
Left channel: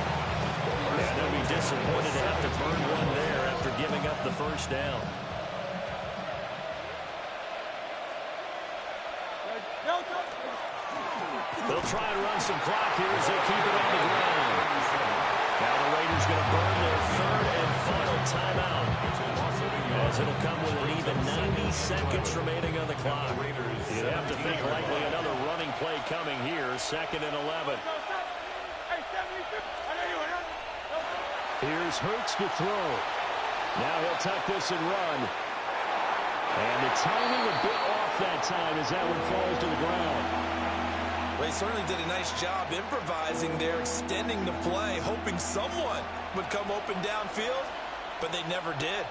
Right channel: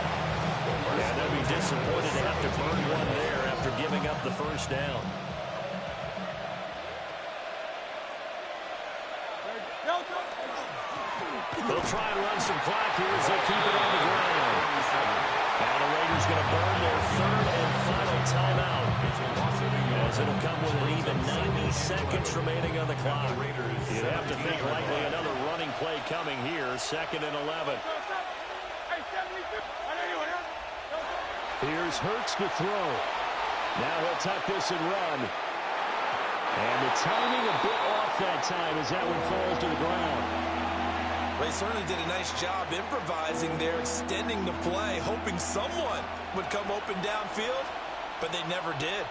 Yeah, they'll be disappointed to have to burn one there after giving up the first down. They'll try and run some clock here as they keep it on the ground. Now the Raiders going to burn their 3rd and final timeout, as it'll come with an even 90 seconds remaining on the clock. You'd have to think likely another running play coming here, 2nd and 11. Here's Hurts to throw. Now he'll tuck this and run. And the timing a bit off that time as that one falls to the ground. Well, he certainly did a nice job improvising there, extending the play, hoping someone would come open downfield, but they never did.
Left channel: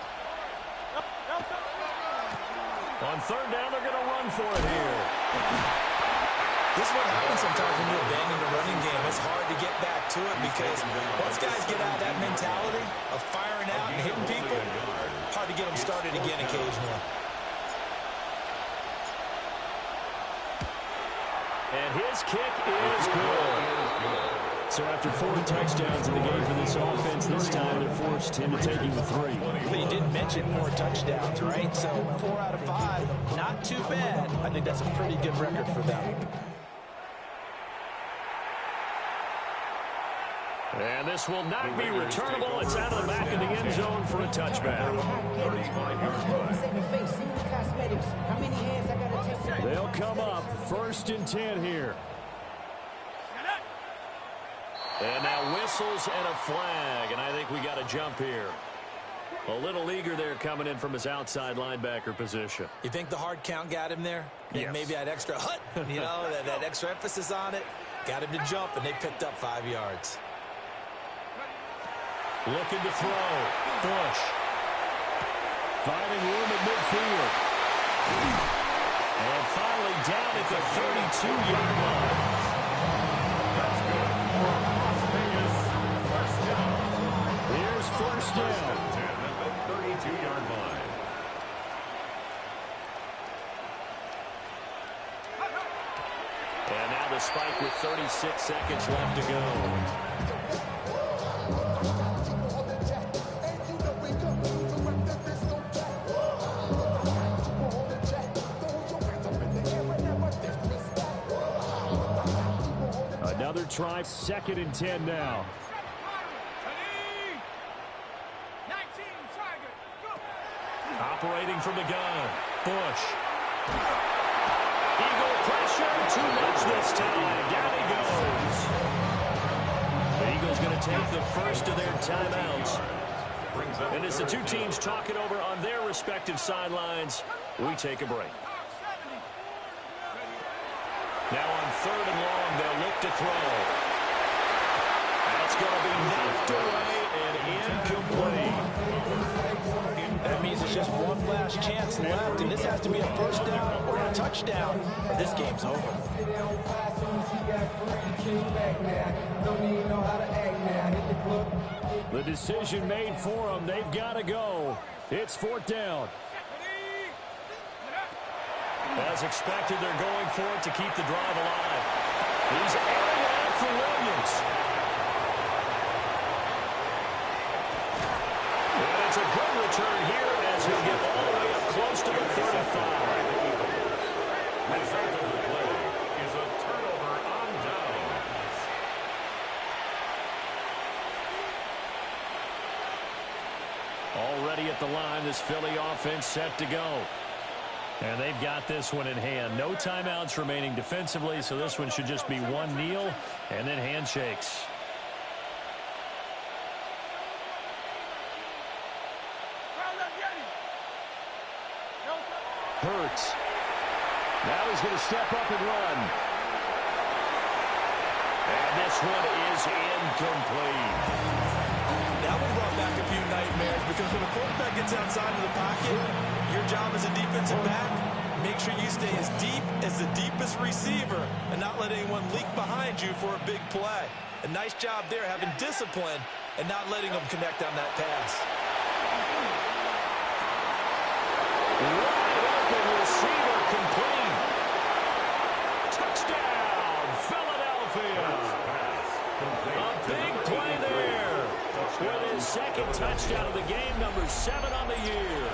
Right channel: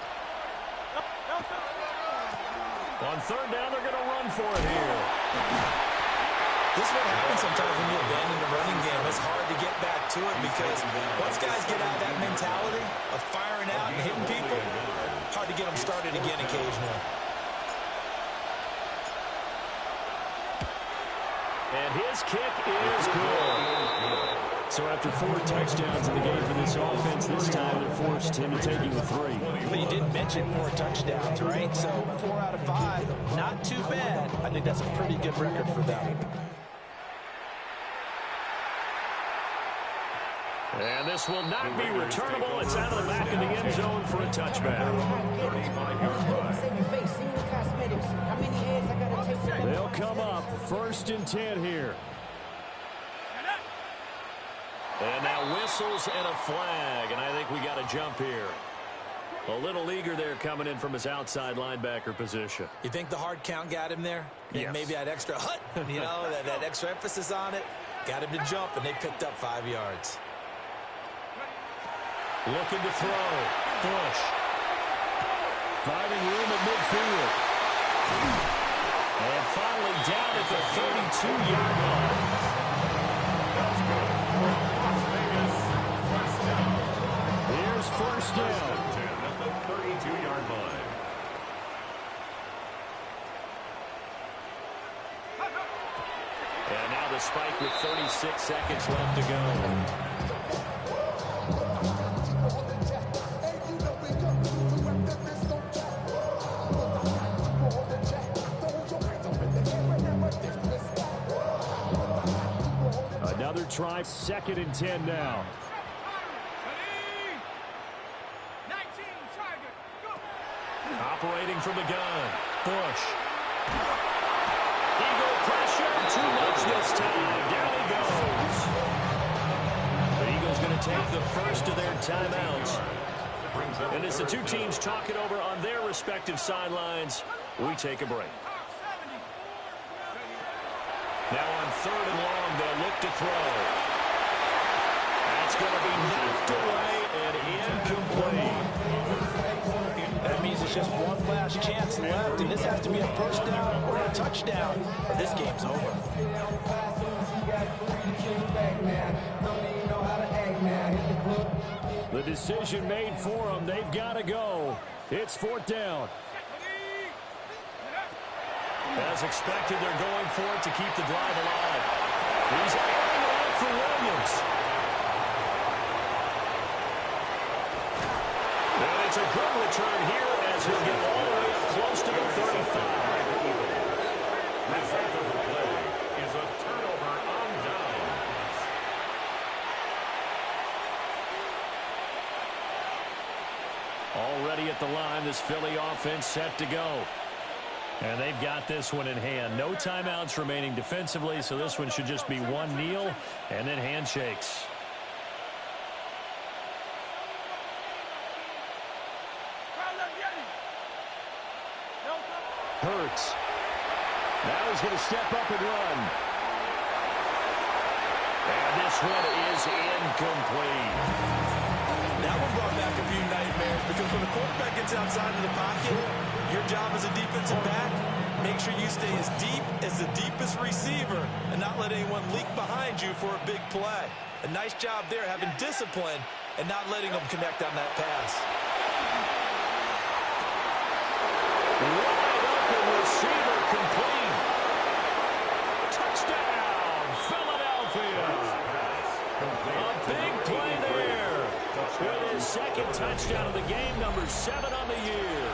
On 3rd down, they're going to run for it here. This is what happens sometimes when you abandon the running game. It's hard to get back to it because once guys get out of that mentality of firing out and hitting people, hard to get them started again occasionally. And his kick is good. So after 4 touchdowns in the game for this offense, this time they're forced into taking the 3. But you didn't mention 4 touchdowns, right? So 4 out of 5, not too bad. I think that's a pretty good record for them. And this will not be returnable. It's out of the back of the end zone for a touchback. They'll come up 1st and 10 here. And now whistles and a flag, and I think we got a jump here. A little eager there coming in from his outside linebacker position. You think the hard count got him there? Yes. Maybe that extra hut, that extra emphasis on it. Got him to jump, and they picked up 5 yards. Looking to throw. Bush. Finding room at midfield. And finally down at the 32-yard line. That's good. Las Vegas, first down. Here's first down. 10 at the 32-yard line. And now the spike with 36 seconds left to go. Another try, 2nd and 10 now. Operating from the gun. Bush. Eagle pressure. Too much this time. Down he goes. The Eagles going to take the first of their timeouts. And as the two teams talk it over on their respective sidelines, we take a break. Now on 3rd and long, they'll look to throw. That's going to be knocked away and incomplete. That means it's just one last chance left, and this has to be a first down or a touchdown, or this game's over. The decision made for them. They've got to go. It's 4th down. As expected, they're going for it to keep the drive alive. He's airing it out for Williams. And it's a good return here as he'll get all the way up close to the 35. Result of the play is a turnover on downs. Already at the line, this Philly offense set to go. And they've got this one in hand. No timeouts remaining defensively, so this one should just be one kneel and then handshakes. Hurts. Now he's going to step up and run. And this one is incomplete. That one brought back a few nightmares because when the quarterback gets outside of the pocket, your job as a defensive back, make sure you stay as deep as the deepest receiver and not let anyone leak behind you for a big play. A nice job there having discipline and not letting them connect on that pass. Wide open receiver complete. Touchdown, Philadelphia. A big play there. With his 2nd touchdown of the game, number 7 on the year.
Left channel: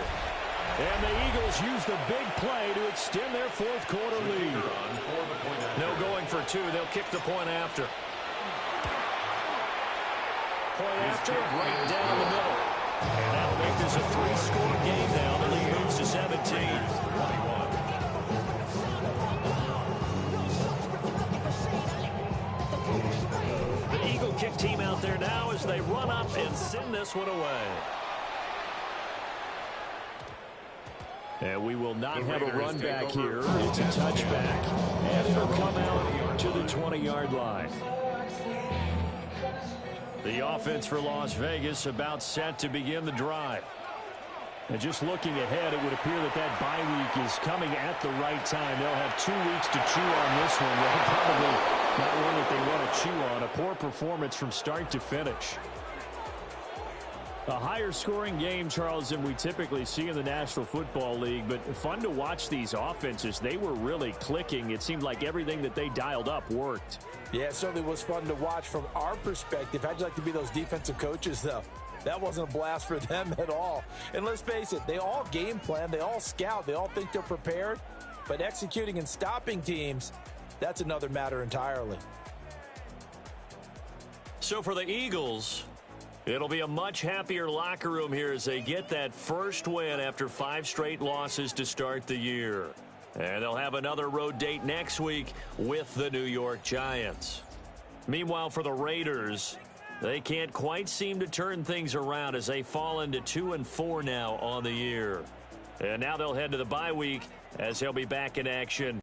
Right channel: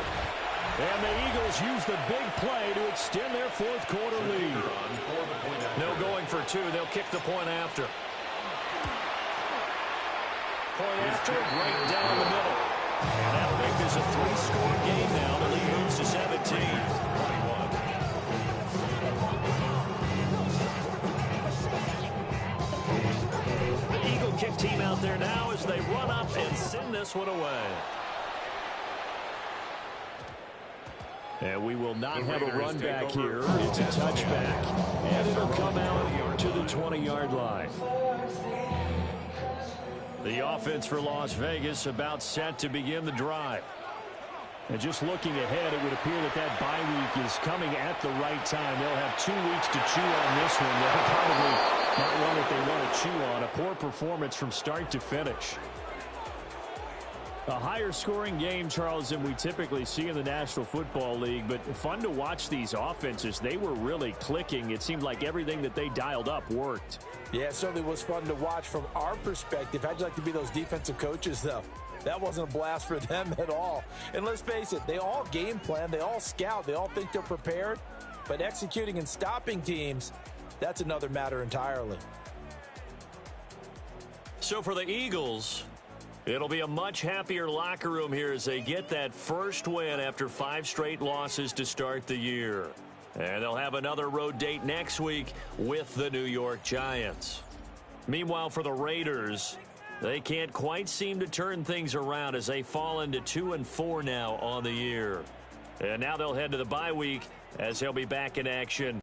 And the Eagles use the big play to extend their 4th quarter lead. No going for 2. They'll kick the point after. Point after, right down the middle. And that'll make this a 3-score game now. The lead moves to 17. 21. The Eagle kick team out there now as they run up and send this one away. And we will not have a run back here. It's a touchback. And it'll come out to the 20-yard line. The offense for Las Vegas about set to begin the drive. And just looking ahead, it would appear that that bye week is coming at the right time. They'll have 2 weeks to chew on this one. They'll probably not one that they want to chew on. A poor performance from start to finish. A higher scoring game, Charles, than we typically see in the National Football League, but fun to watch these offenses. They were really clicking. It seemed like everything that they dialed up worked. Yeah, it certainly was fun to watch from our perspective. How'd you like to be those defensive coaches, though? That wasn't a blast for them at all. And let's face it, they all game plan, they all scout, they all think they're prepared, but executing and stopping teams, that's another matter entirely. So for the Eagles, it'll be a much happier locker room here as they get that first win after 5 straight losses to start the year. And they'll have another road date next week with the New York Giants. Meanwhile, for the Raiders, they can't quite seem to turn things around as they fall into 2-4 now on the year. And now they'll head to the bye week as they'll be back in action